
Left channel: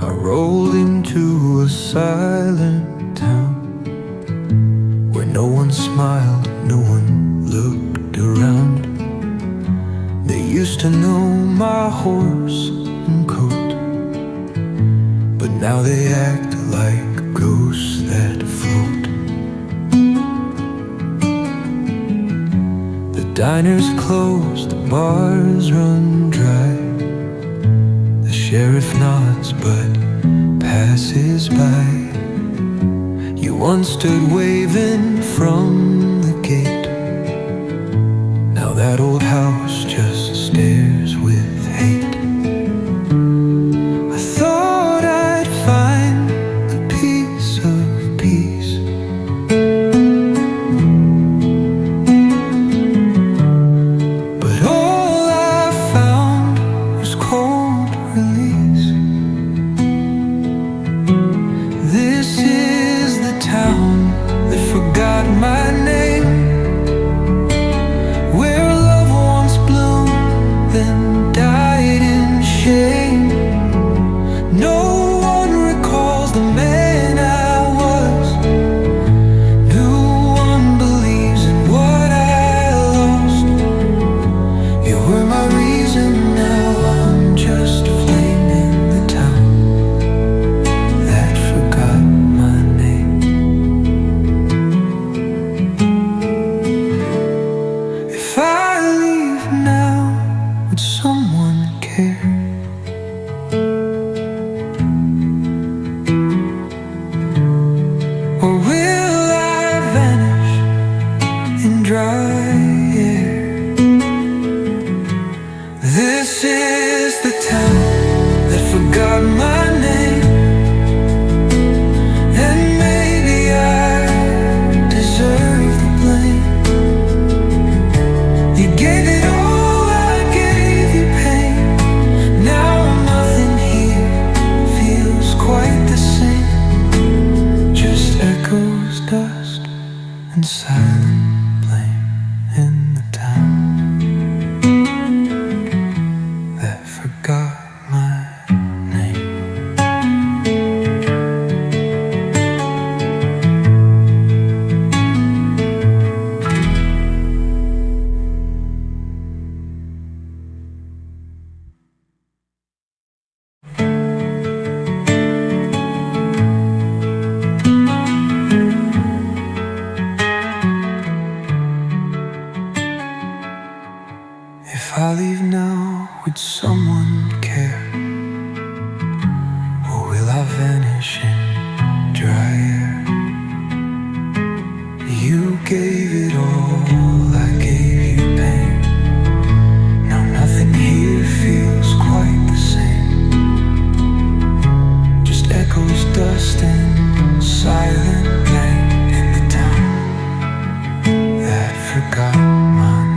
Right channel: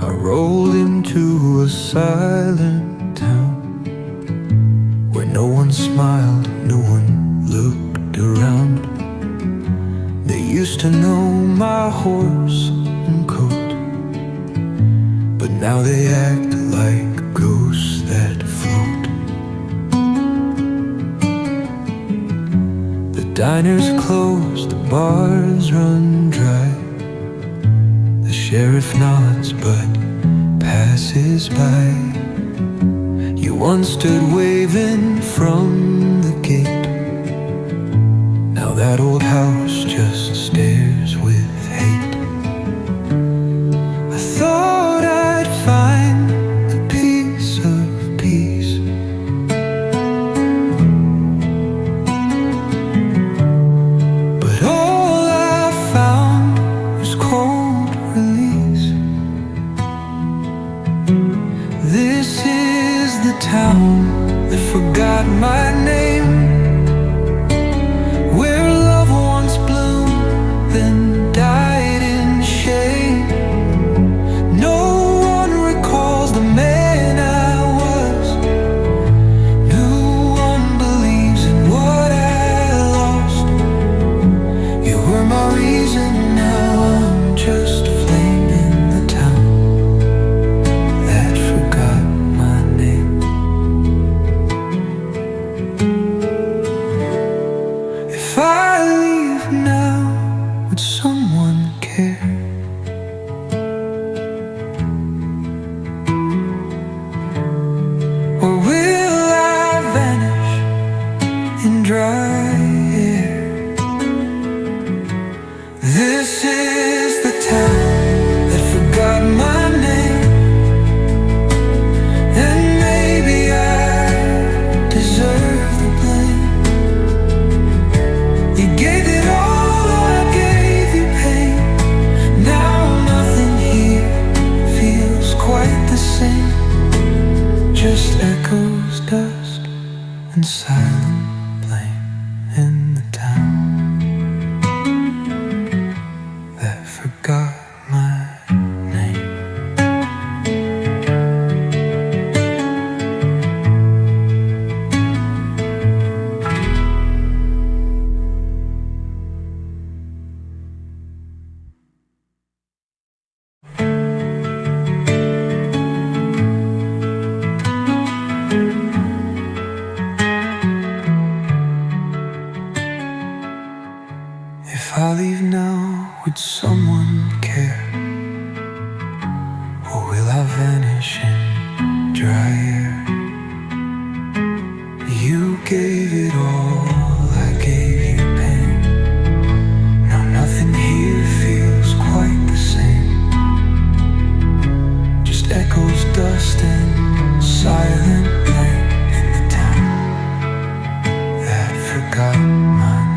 I rolled into a silent town where no one smiled, no one looked around. They used to know my horse and coat, but now they act like ghosts that float. The diner's closed, the bars run dry. The sheriff nods but passes by. You once stood waving from the gate, now that old house just stares with hate. I thought I'd find a piece of peace, but all I found was cold release. This is the town that forgot my name, where love once bloomed, then died in shame. No one recalls the man I was, no one believes in what I lost. You were my reason, now I'm just a flame in the town that forgot my name. If I leave now, would someone care? Or will I vanish in dry air? This is the town that forgot my name, and maybe I deserve the blame. You gave it all, I gave you pain. Now nothing here feels quite the same, just echoes, dust, and silent blame in the town. I leave now, would someone care? Or will I vanish in dry air? You gave it all, I gave you pain. Now nothing here feels quite the same. Just echoes, dust and silent rain in the town that forgot my name.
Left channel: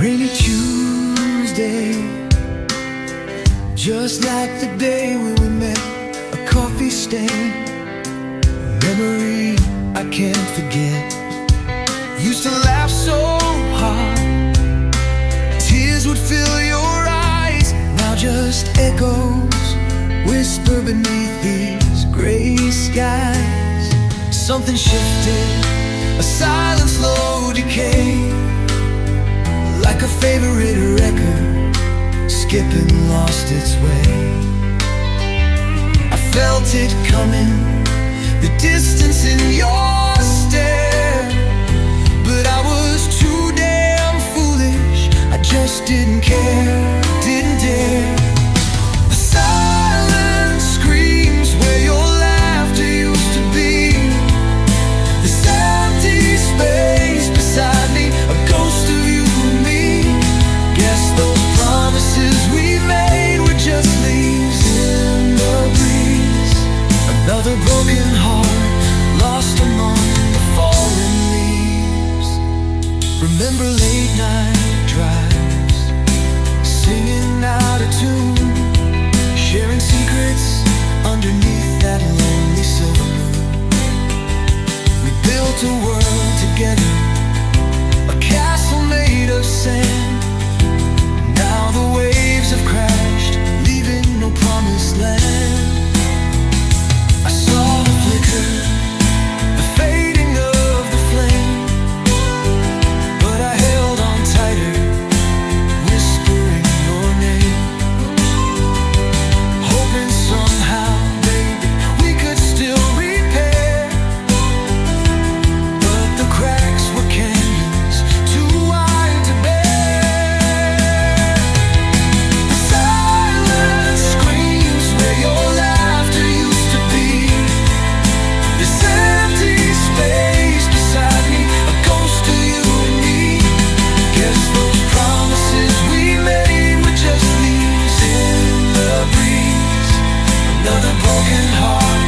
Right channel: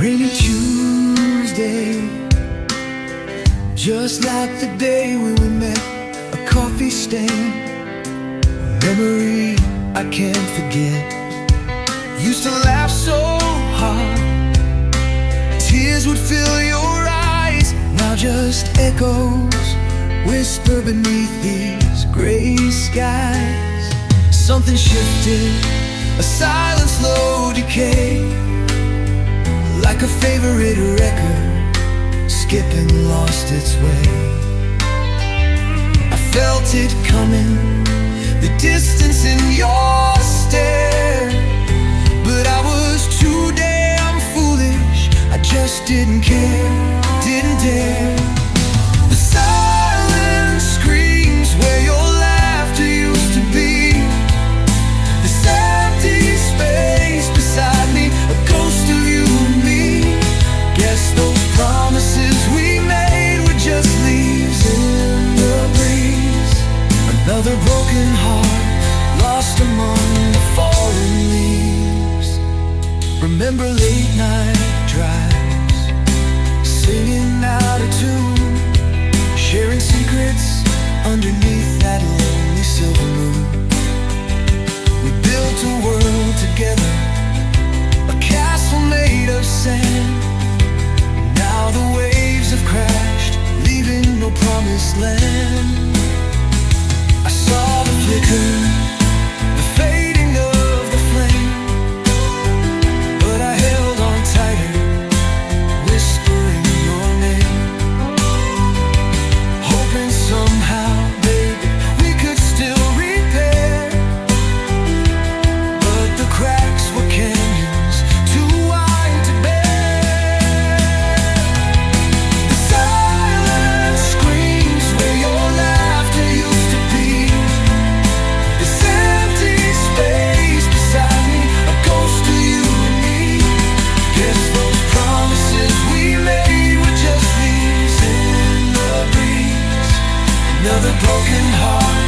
Rainy Tuesday, just like the day when we met, a coffee stain, a memory I can't forget. Used to laugh so hard, tears would fill your eyes. Now just echoes whisper beneath these gray skies. Something shifted, a silent slow decay, like a favorite record, skipping lost its way. I felt it coming, the distance in your stare, but I was too damn foolish. I just didn't care, didn't dare. The silence screams where your laughter used to be. This empty space beside me, a ghost of you. Guess those promises we made were just leaves in the breeze. Another broken heart lost among the fallen leaves. Remember late night drives, singing out of tune, sharing secrets underneath that lonely silver moon. We built a world together, a castle made of sand. Now the waves have crashed, leaving no promised land. I saw the flicker, the fading of the flame, but I held on tighter, whispering your name, hoping somehow, baby, we could still repair. But the cracks were canyons, too wide to bear. Another broken heart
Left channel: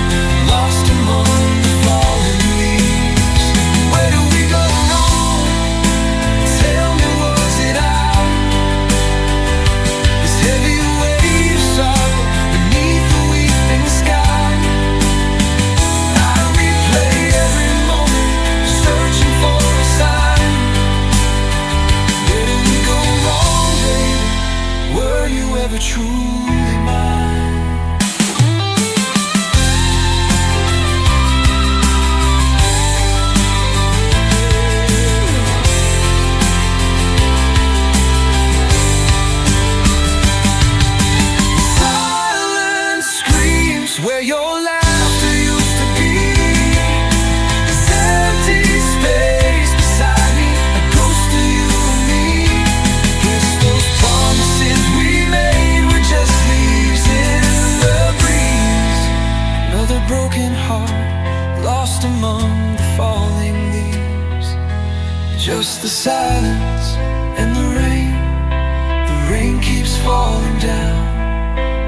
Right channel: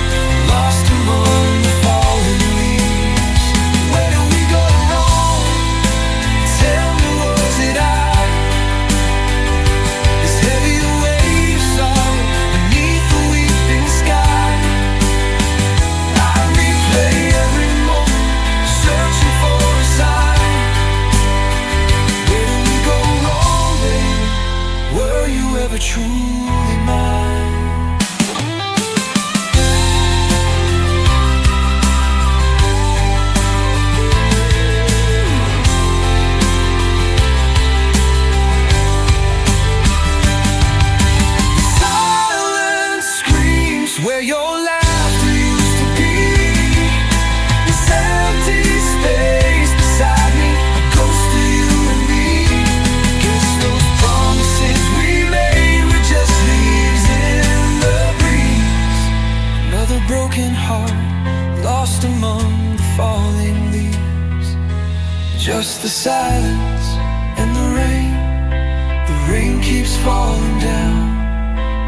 lost among the fallen leaves. Where did we go wrong? Tell me, was it I? This heavy weight of sorrow beneath the weeping sky. I replay every moment, searching for a sign. Where did we go wrong, baby? Were you ever truly mine? Where your laughter used to be. This empty space beside me, a ghost of you and me. Guess those promises we made were just leaves in the breeze. Another broken heart lost among the falling leaves. Just the silence and the rain. The rain keeps falling down,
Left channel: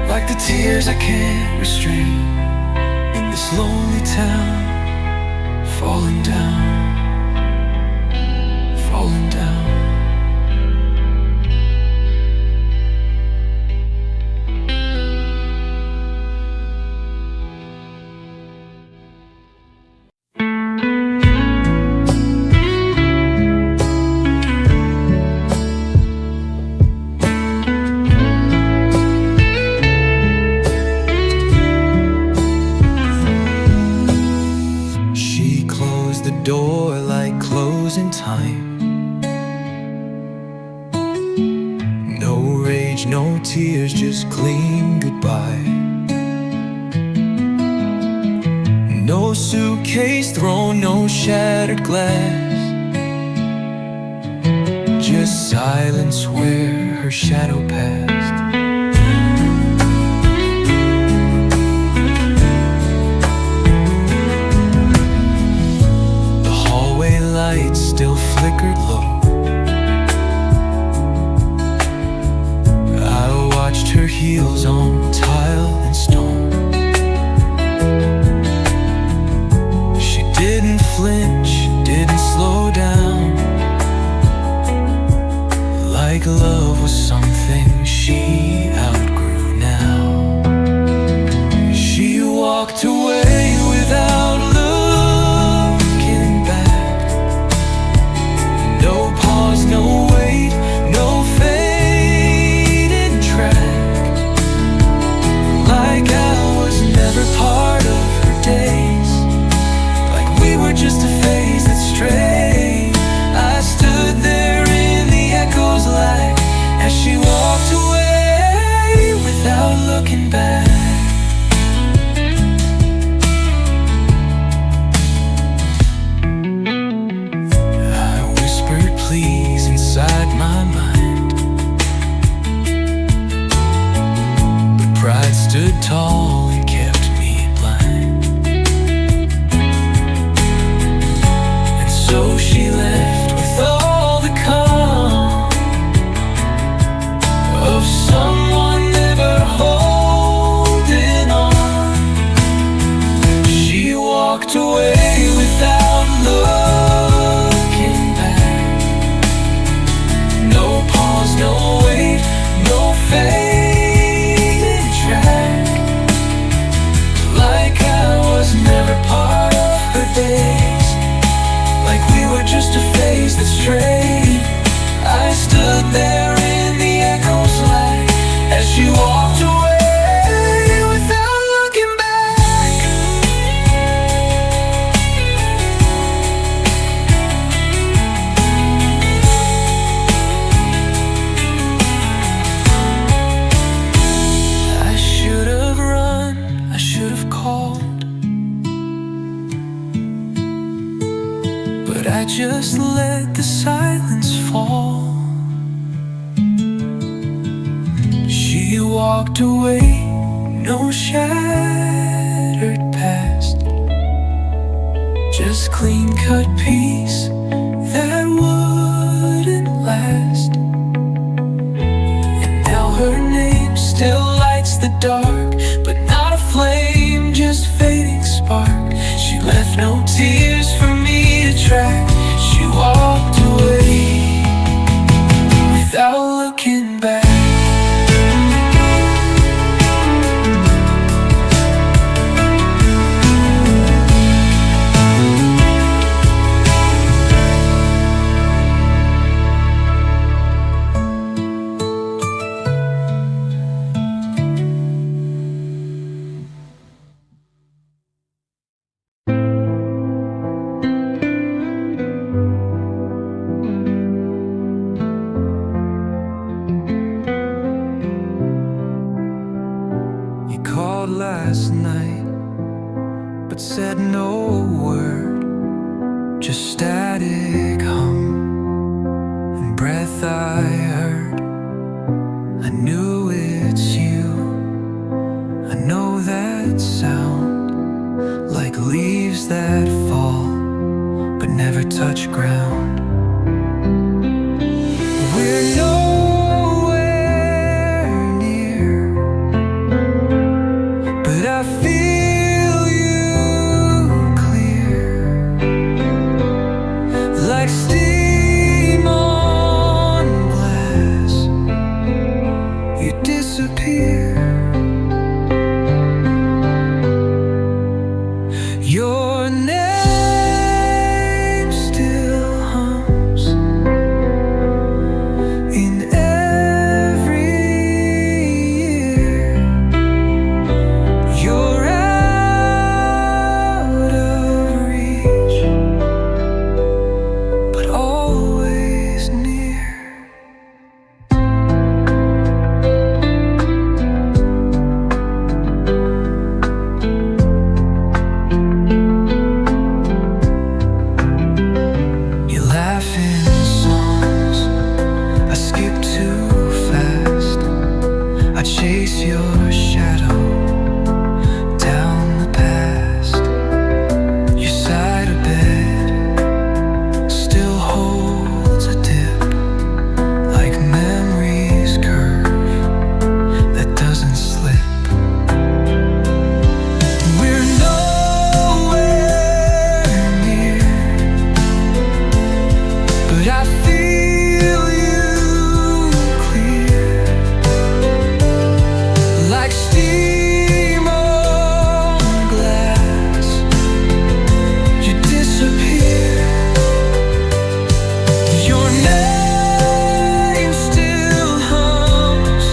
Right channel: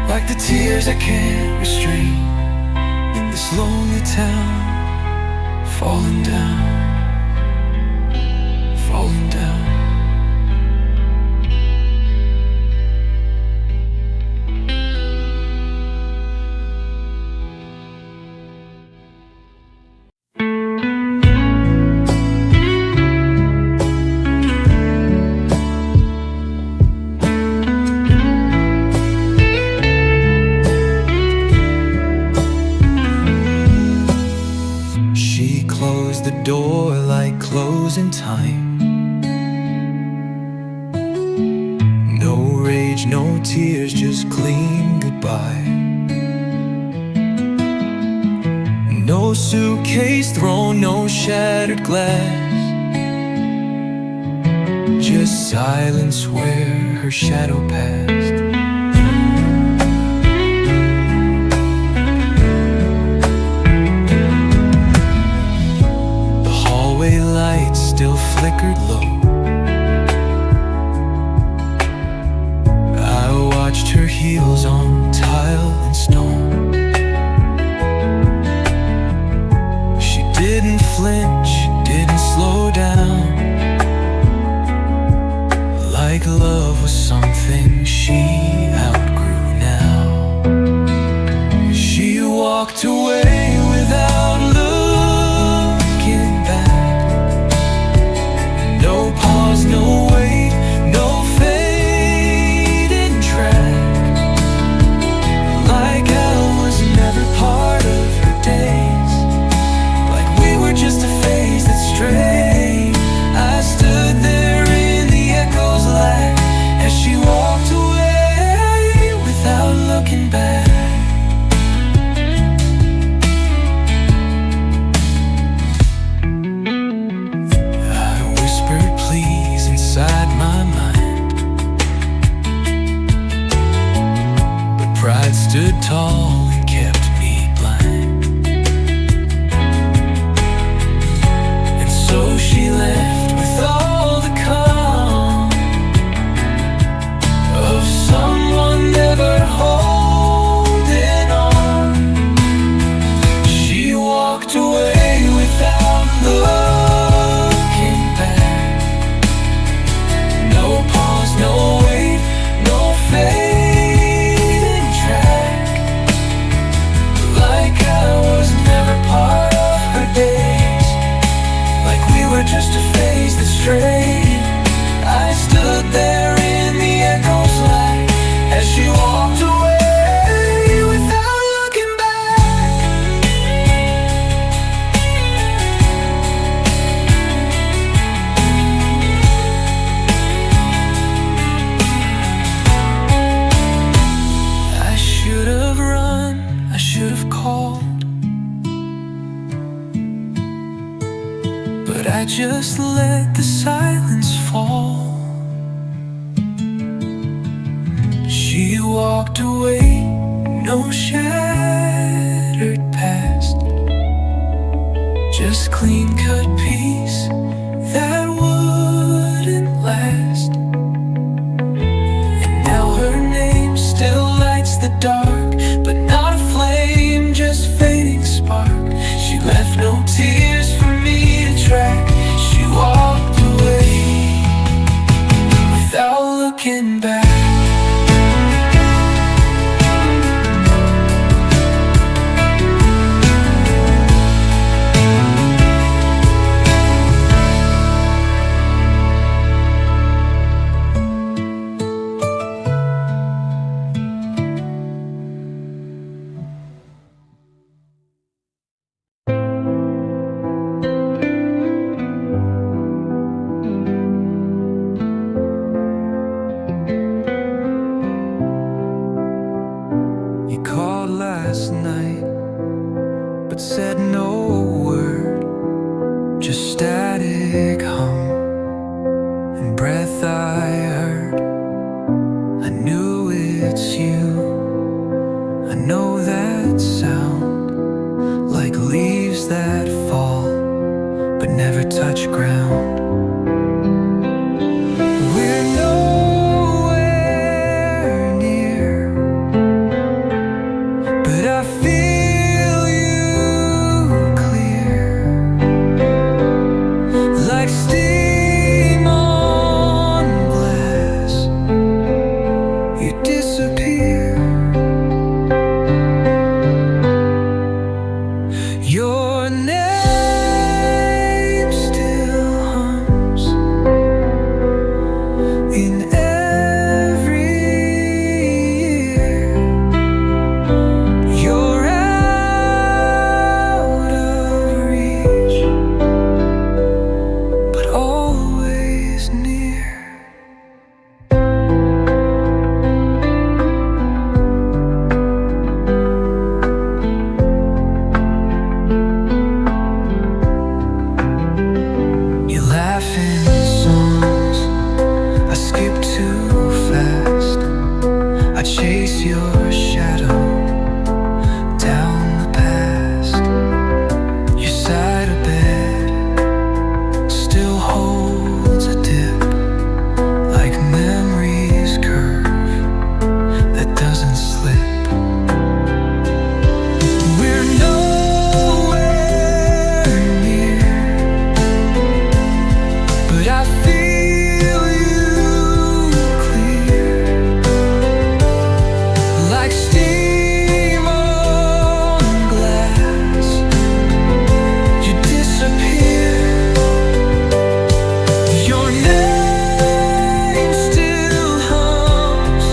like the tears I can't restrain, in this lonely town, falling down, falling down. slows in time. No rage, no tears, just clean goodbye. No suitcase thrown, no shattered glass, just silence where her shadow passed. The hallway lights still flickered low. I watched her heels on tile and stone. She didn't flinch, didn't slow down, like love was something she outgrew now. She walked away without looking back. No pause, no wait, no fading track. Like I was never part of her days, like we were just a phase that strayed. I stood there in the echoes lack as she walked away without looking back. I whispered please inside my mind, but pride stood tall and kept me blind. And so she left with all the calm of someone never holding on. She walked away without looking back. No pause, no wait, no fading track. Like I was never part of her days, like we were just a phase that strayed. I stood there in the echoes lack as she walked away without looking back. I should have run, I should have called, but I just let the silence fall. She walked away, no shattered past, just clean-cut peace that wouldn't last. And now her name still lights the dark, but not a flame, just fading spark. She left no tears for me to track. She walked away without looking back. You called last night, but said no word, just static hum and breath I heard. I knew it's you, I know that sound, like leaves that fall but never touch ground. We're nowhere near, but I feel you clear, like steam on glass. You disappear. Your name still hums in every ear. You're out of reach, fast. I chase your shadow down the past. Your side of bed still holds a dip, like memory's curve that doesn't slip. We're nowhere near, but I feel you clear, like steam on glass. You disappear. Your name still hums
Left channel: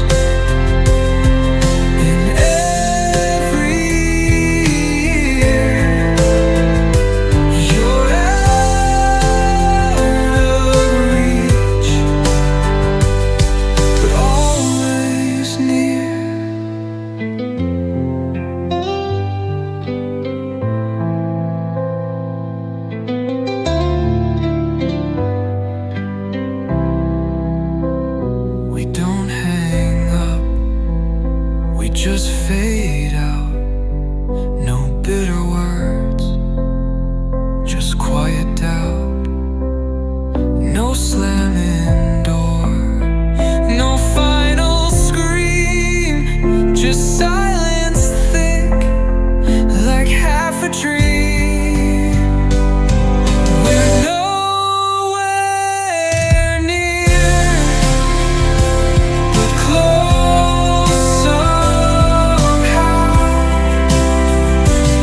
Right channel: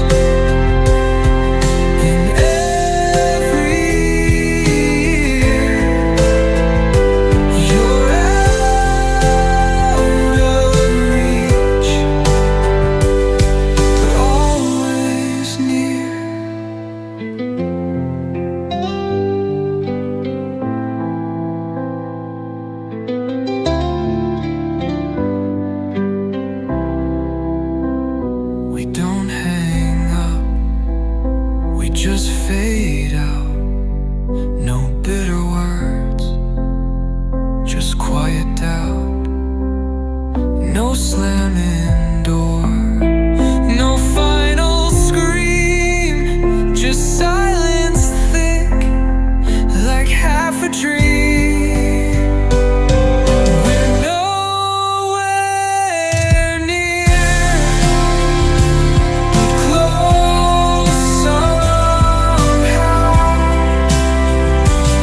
in every ear. You're out of reach, but always near. We don't hang up, we just fade out. No bitter words, just quiet doubt. No slamming door, no final scream, just silence thick, like half a dream. We're nowhere near, but close somehow.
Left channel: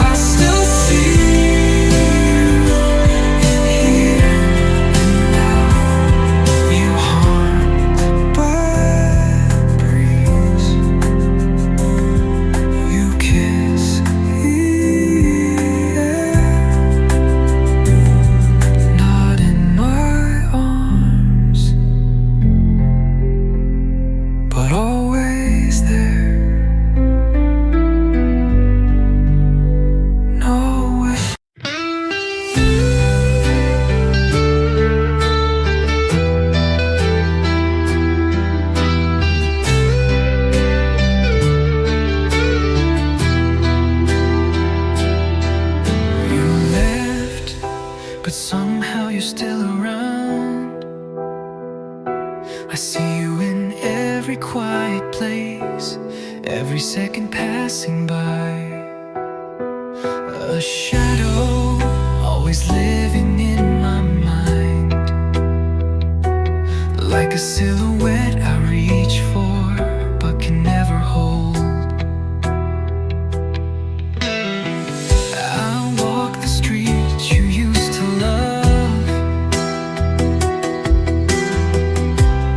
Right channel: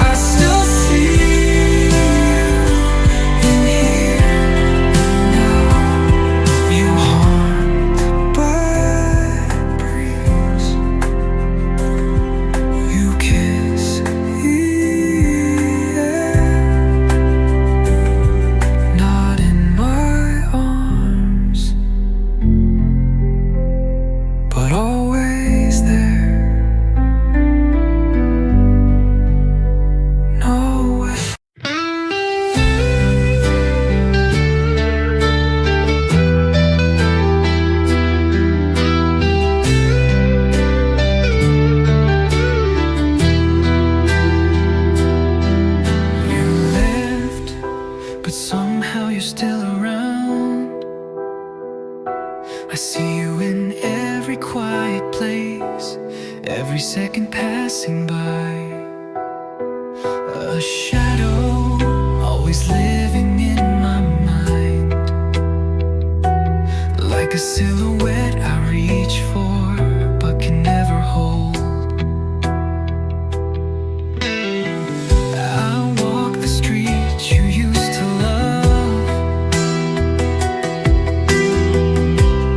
I still see you in here and now. You haunt by breeze, you kiss the air. Not in my arms, but always there. No way. You left, but somehow you're still around. I see you in every quiet place, every second passing by. A shadow always living in my mind, like a silhouette I reach for but can never hold. I walk the streets you used to love,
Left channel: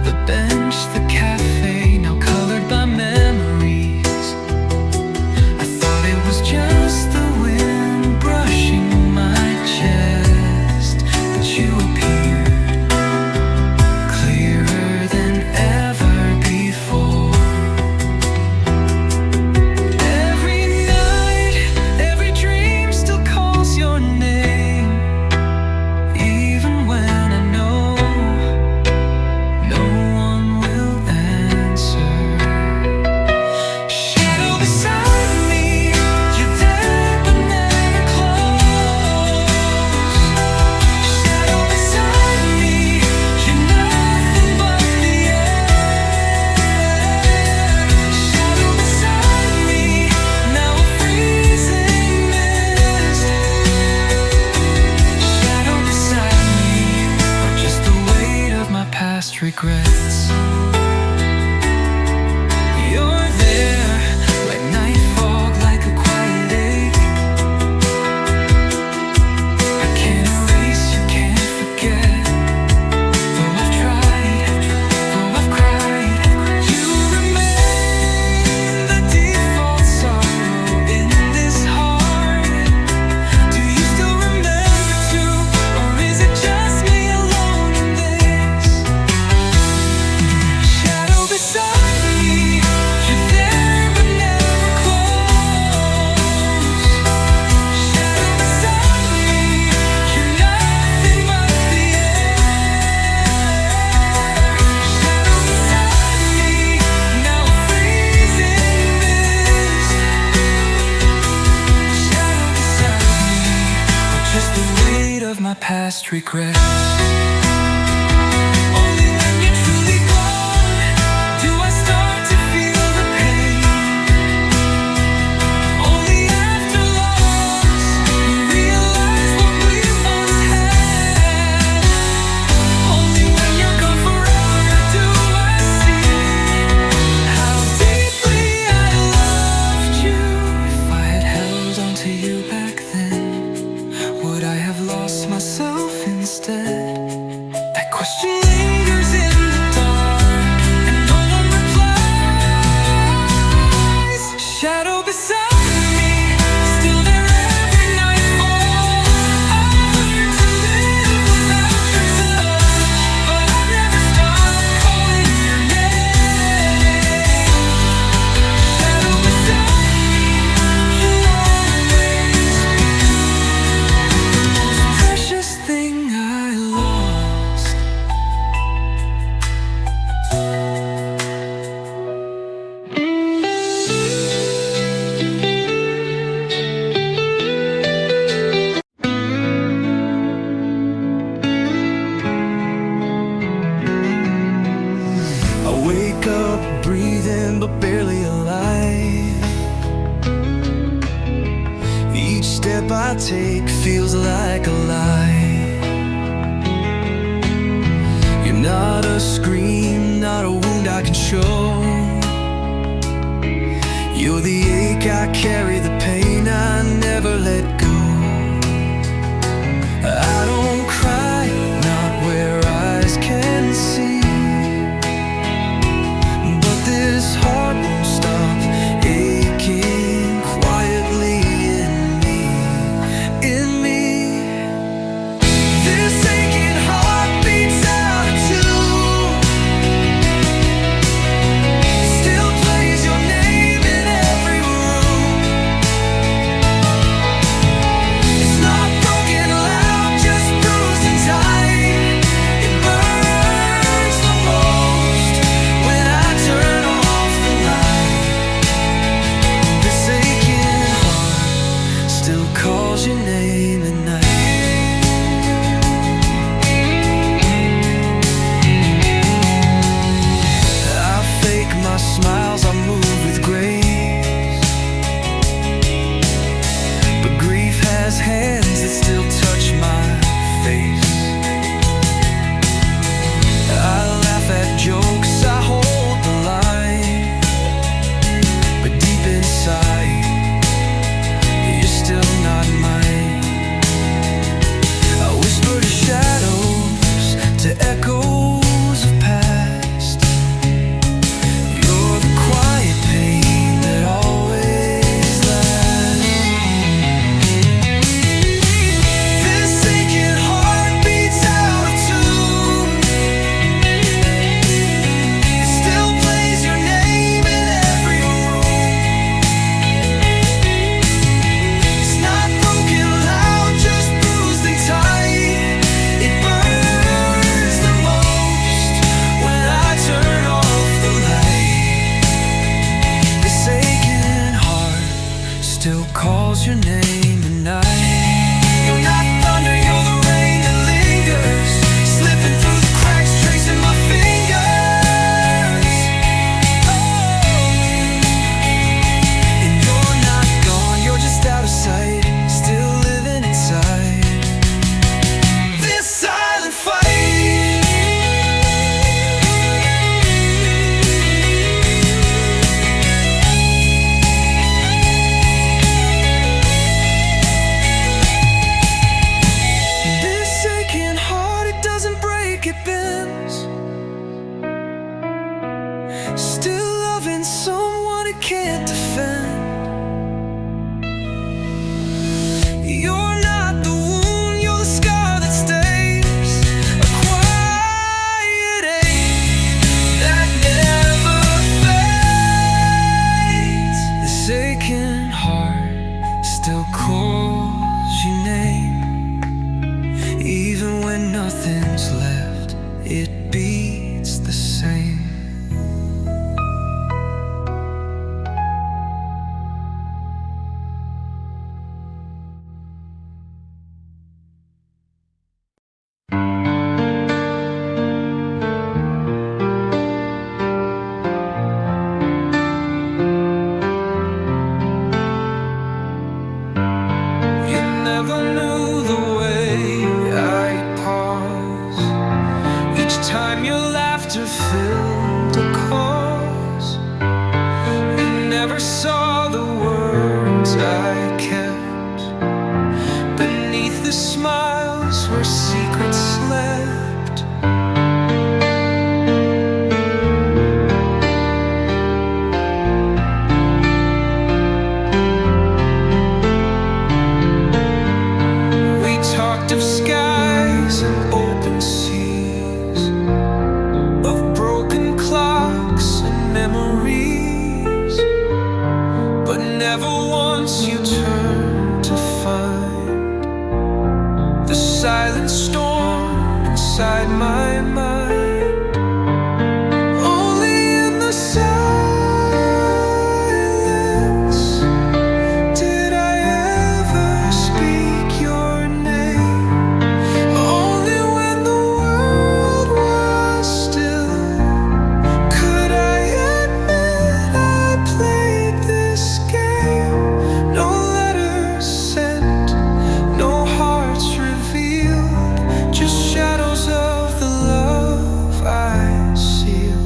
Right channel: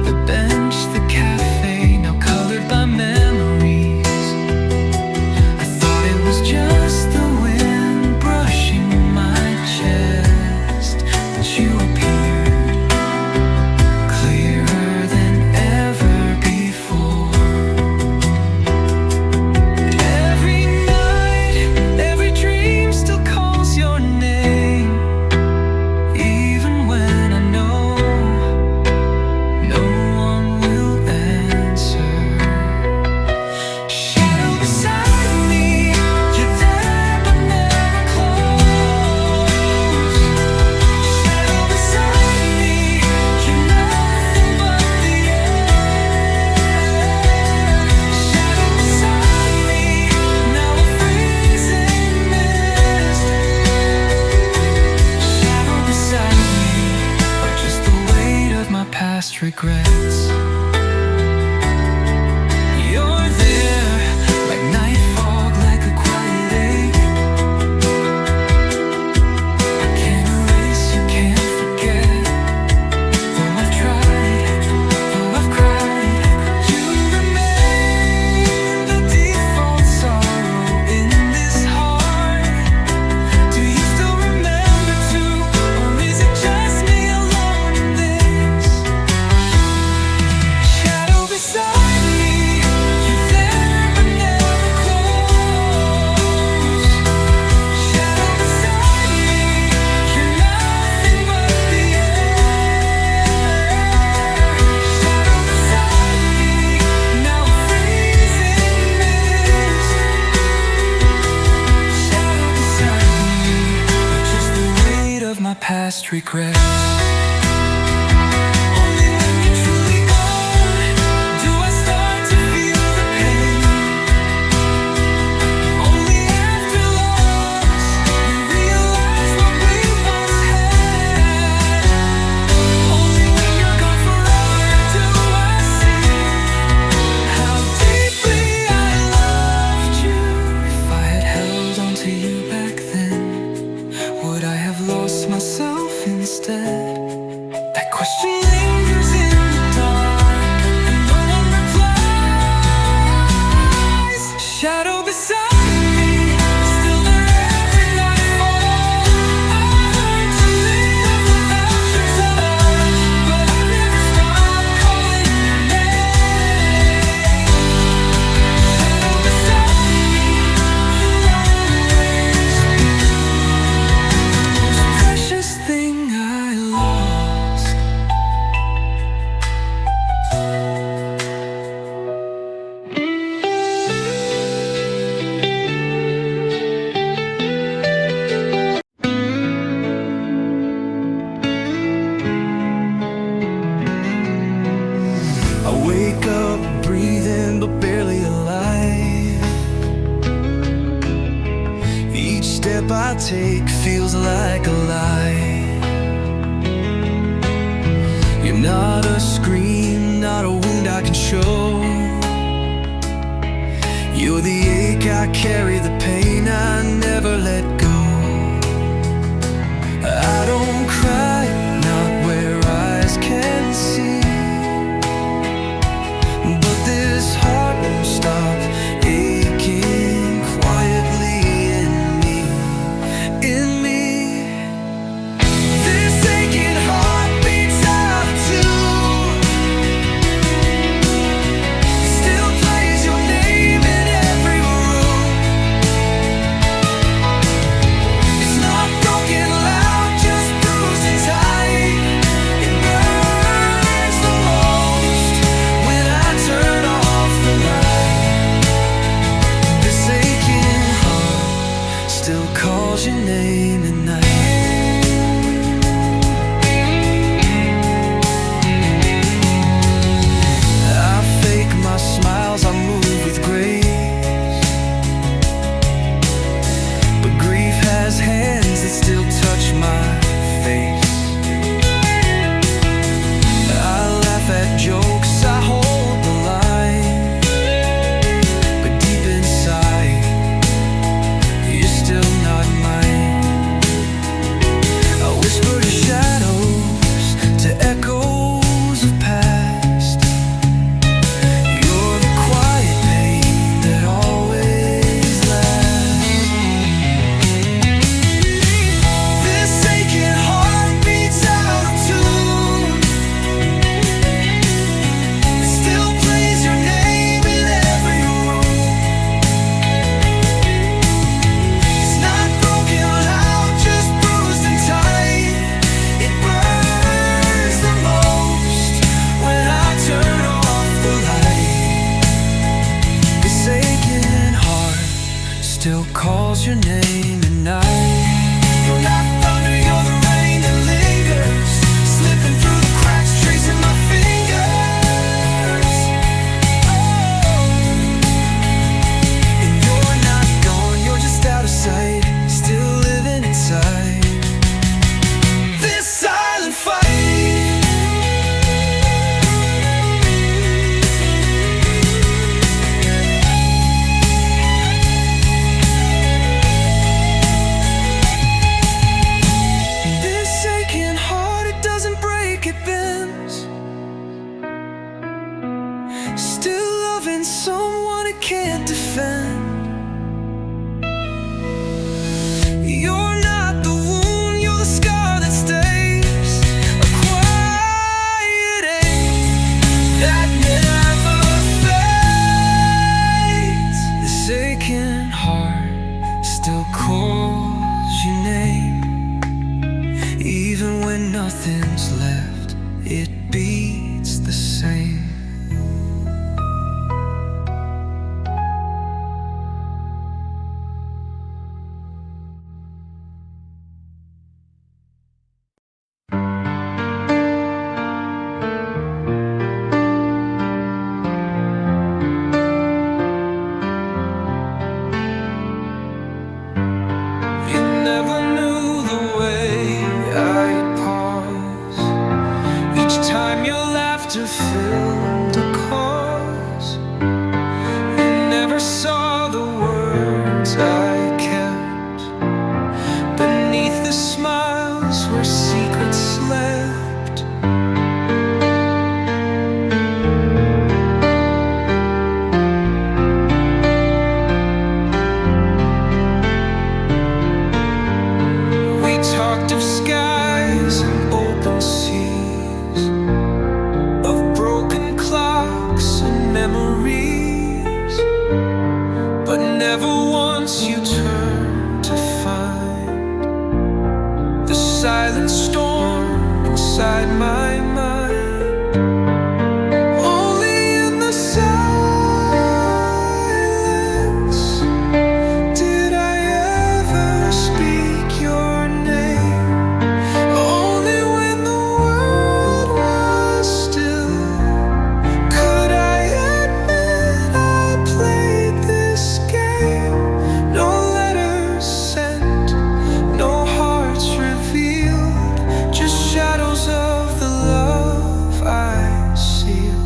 the bench, the cafe, now colored by memories. I thought it was just the wind brushing my chest, but you appeared clearer than ever before. Every night, every dream still calls your name, even when I know no one will answer. Shadow beside me, you're there but never close. Shadow beside me, you're nothing but the air. Shadow beside me, now a freezing mist. Shadow beside me, or just the weight of my past regrets. You're there, like night fog, like a quiet ache. I can't erase, you can't forget. Though I've tried, though I've cried, you remain the default sorrow in this heart. Do you still remember too, or is it just me alone in this? my past regrets. Only when you're truly gone do I start to feel the pain. Only after loss we realize what we once had. Only when you're gone forever do I see how deeply I loved you. If I had held on to you back then, would I have lost myself instead? That question lingers in the dark, and no one replies. Shadow beside me, still there every nightfall. I've learned to live without your touch, but I've never stopped calling your name. Shadow beside me, you'll always be the most precious thing I lost. I wake up breathing but barely alive. Each step I take feels like a lie. You're not a scream, not a wound I can show. You're the ache I carry, the pain I never let go. I don't cry, not where eyes can see, but this heart won't stop aching quietly in me, in me. This aching heart beats out of tune. It still plays your name in every room. It's not broken loud, just bruised and tight. It burns the most when I turn off the light. This aching heart still calls your name at night. I fake my smiles, I move with grace, but grief has hands that still touch my face. I laugh at jokes, I hold the line, but deep inside, you're still not mine. I whisper to shadows, to echoes of past. You're the quiet pain that always lasts. This aching heart beats out of tune. It still plays your name in every room. It's not broken loud, just bruised and tight. It burns the most when I turn off the light. This aching heart still calls your name at night. You're not thunder, you're the rain that lingers, slipping through the cracks, tracing my fingers. Oh, and you're not gone, you're just out of sight, still living inside this silent fight. This aching heart, it doesn't break, it bends. Still loving someone it can't defend. You're not the wound, you're the scar that stays, a quiet ache that never fades. This aching heart still calls your name, even when nothing's left, it beats the same. You never knew the way I'd pause each time your laughter filled a cause. You never saw the words I kept beneath the smiles where secrets slept. We talked of skies and open seas, of broken clocks and memories, but never once you turned to find the silent storm inside my mind. Only in the silence did I ever speak your name. Only when the world was still could I admit I played this game. No letters sent, no hearts revealed, just shadows of the love I sealed.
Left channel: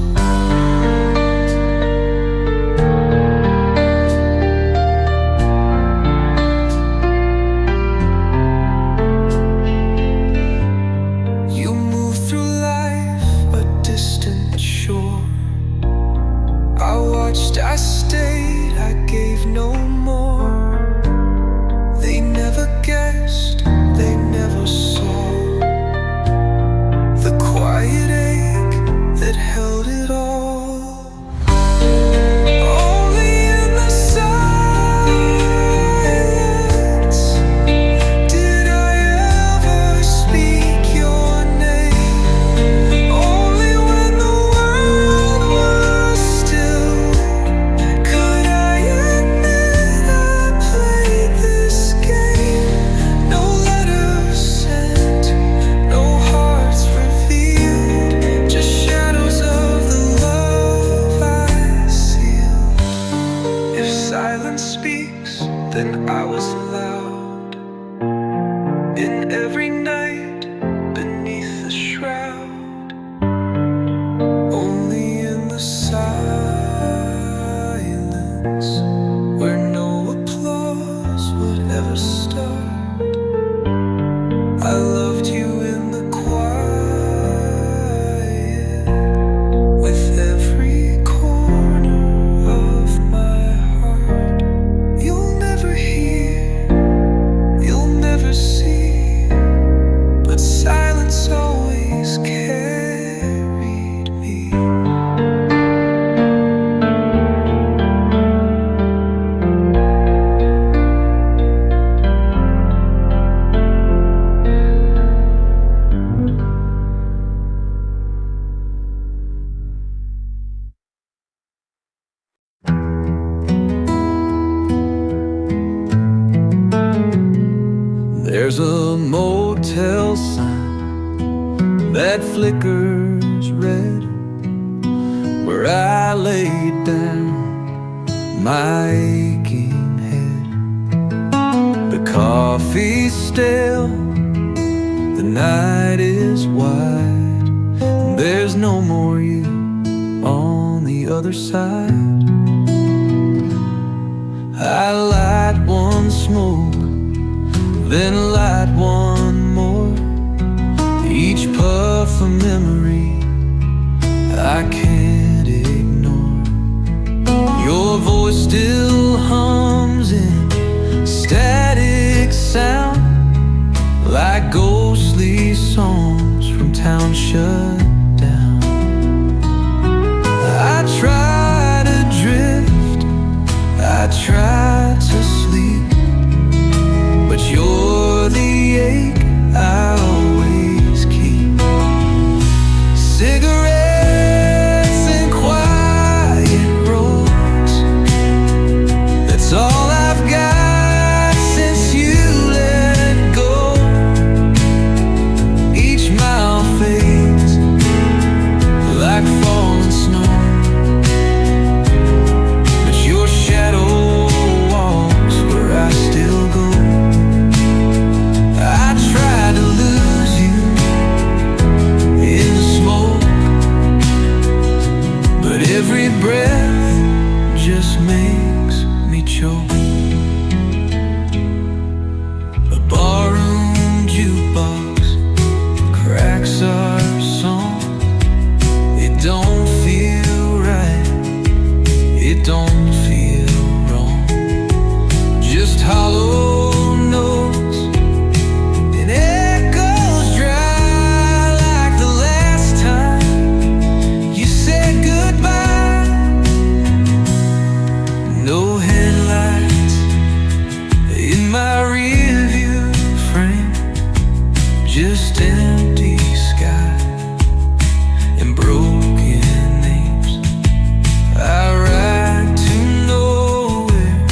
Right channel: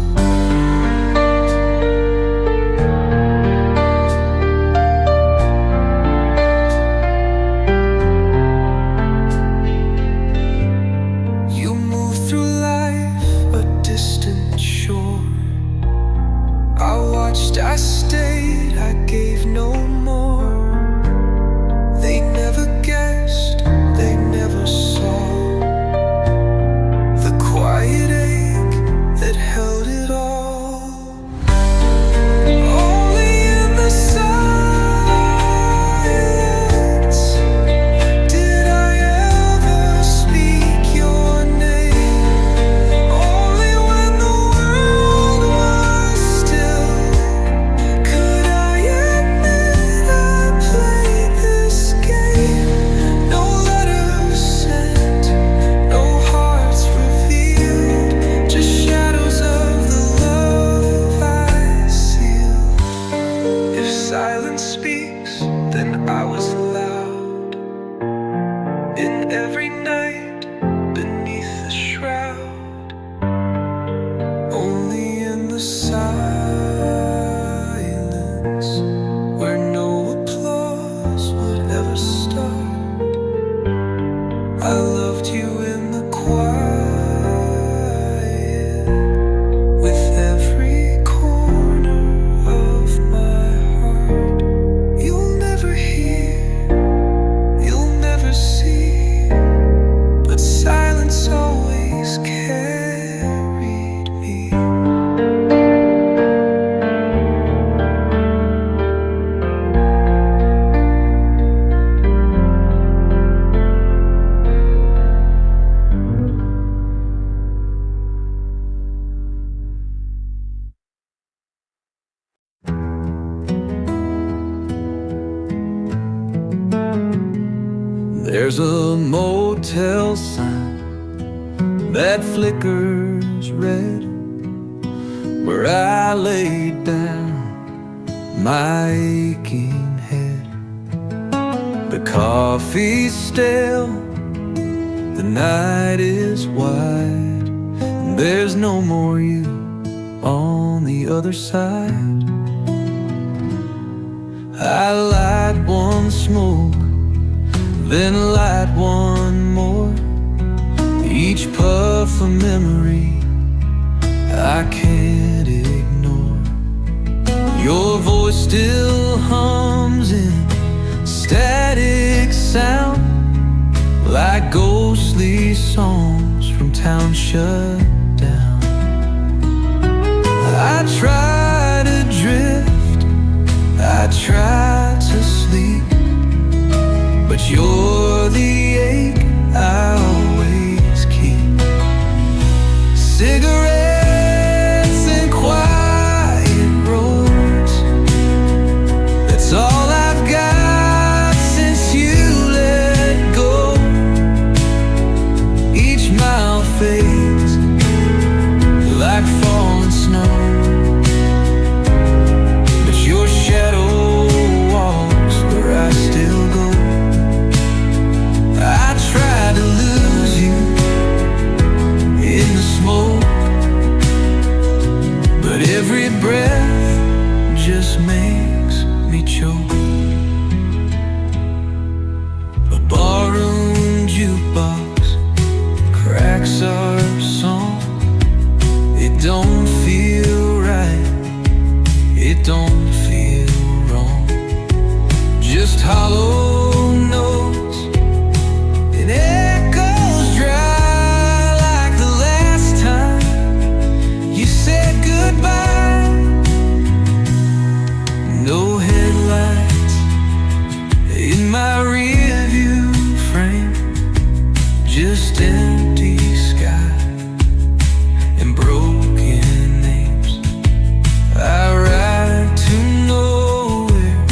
You moved through life a distant shore. I watched, I stayed, I gave no more. They never guessed, they never saw the quiet ache that held it all. Only in the silence did I ever speak your name. Only when the world was still could I admit I played this game. No letters sent, no hearts revealed, just shadows of the love I sealed. If silence speaks, then I was loud in every night beneath the shroud. Only in the silence where no applause would ever start. I loved you in the quiet, with every corner of my heart. You'll never hear, you'll never see, but silence always carried me. There's a motel sign that flickers red where I laid down my aching head. The coffee's stale, the night is wide, and there's no more you on the other side. I light one smoke, then light one more, each puff a memory I can't ignore. Your voice still hums in static sound, like ghostly songs from town shut down. I try to drift, I try to sleep, but you're the ache I always keep. Cigarettes and quiet roads, that's all I've got since you let go. Each mile fades like falling snow, but your shadow Every breath just makes me choke. A barroom jukebox cracks our song. It don't feel right, it don't feel wrong. Just hollow notes and echoes dry like the last time you said goodbye. No headlights in my rearview frame, just empty sky and broken names. I ride to nowhere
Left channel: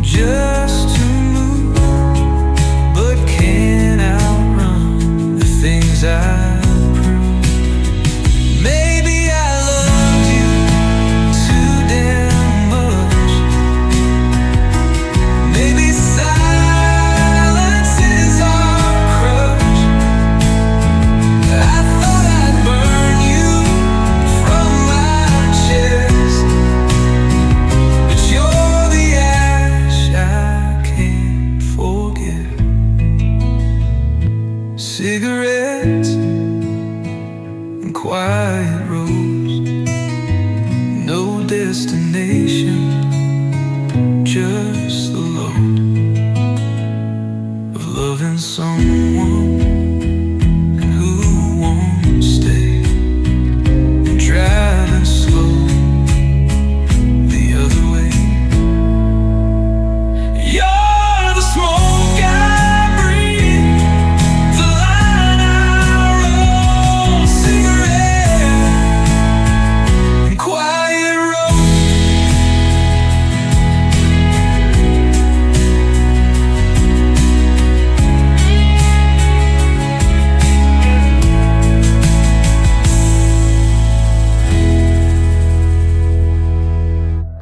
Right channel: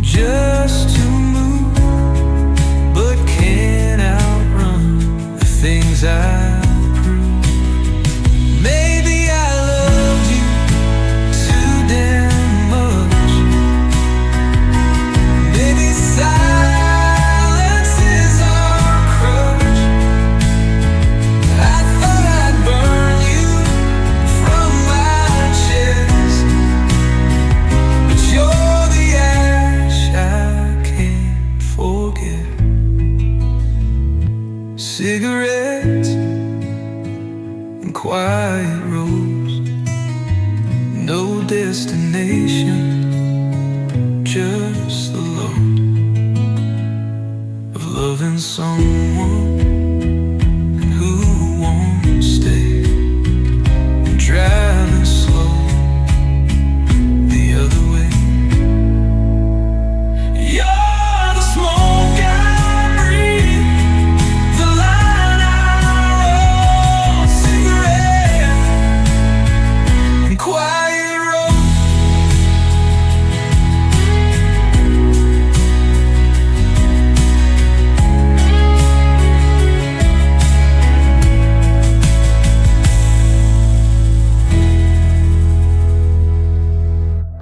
just to move, but can't outrun the things I prove. Maybe I loved you too damn much. Maybe silence is our crutch. I thought I'd burn you from my chest, but you're the ash I can't forget. Cigarettes and quiet roads, no destination, just the load of loving someone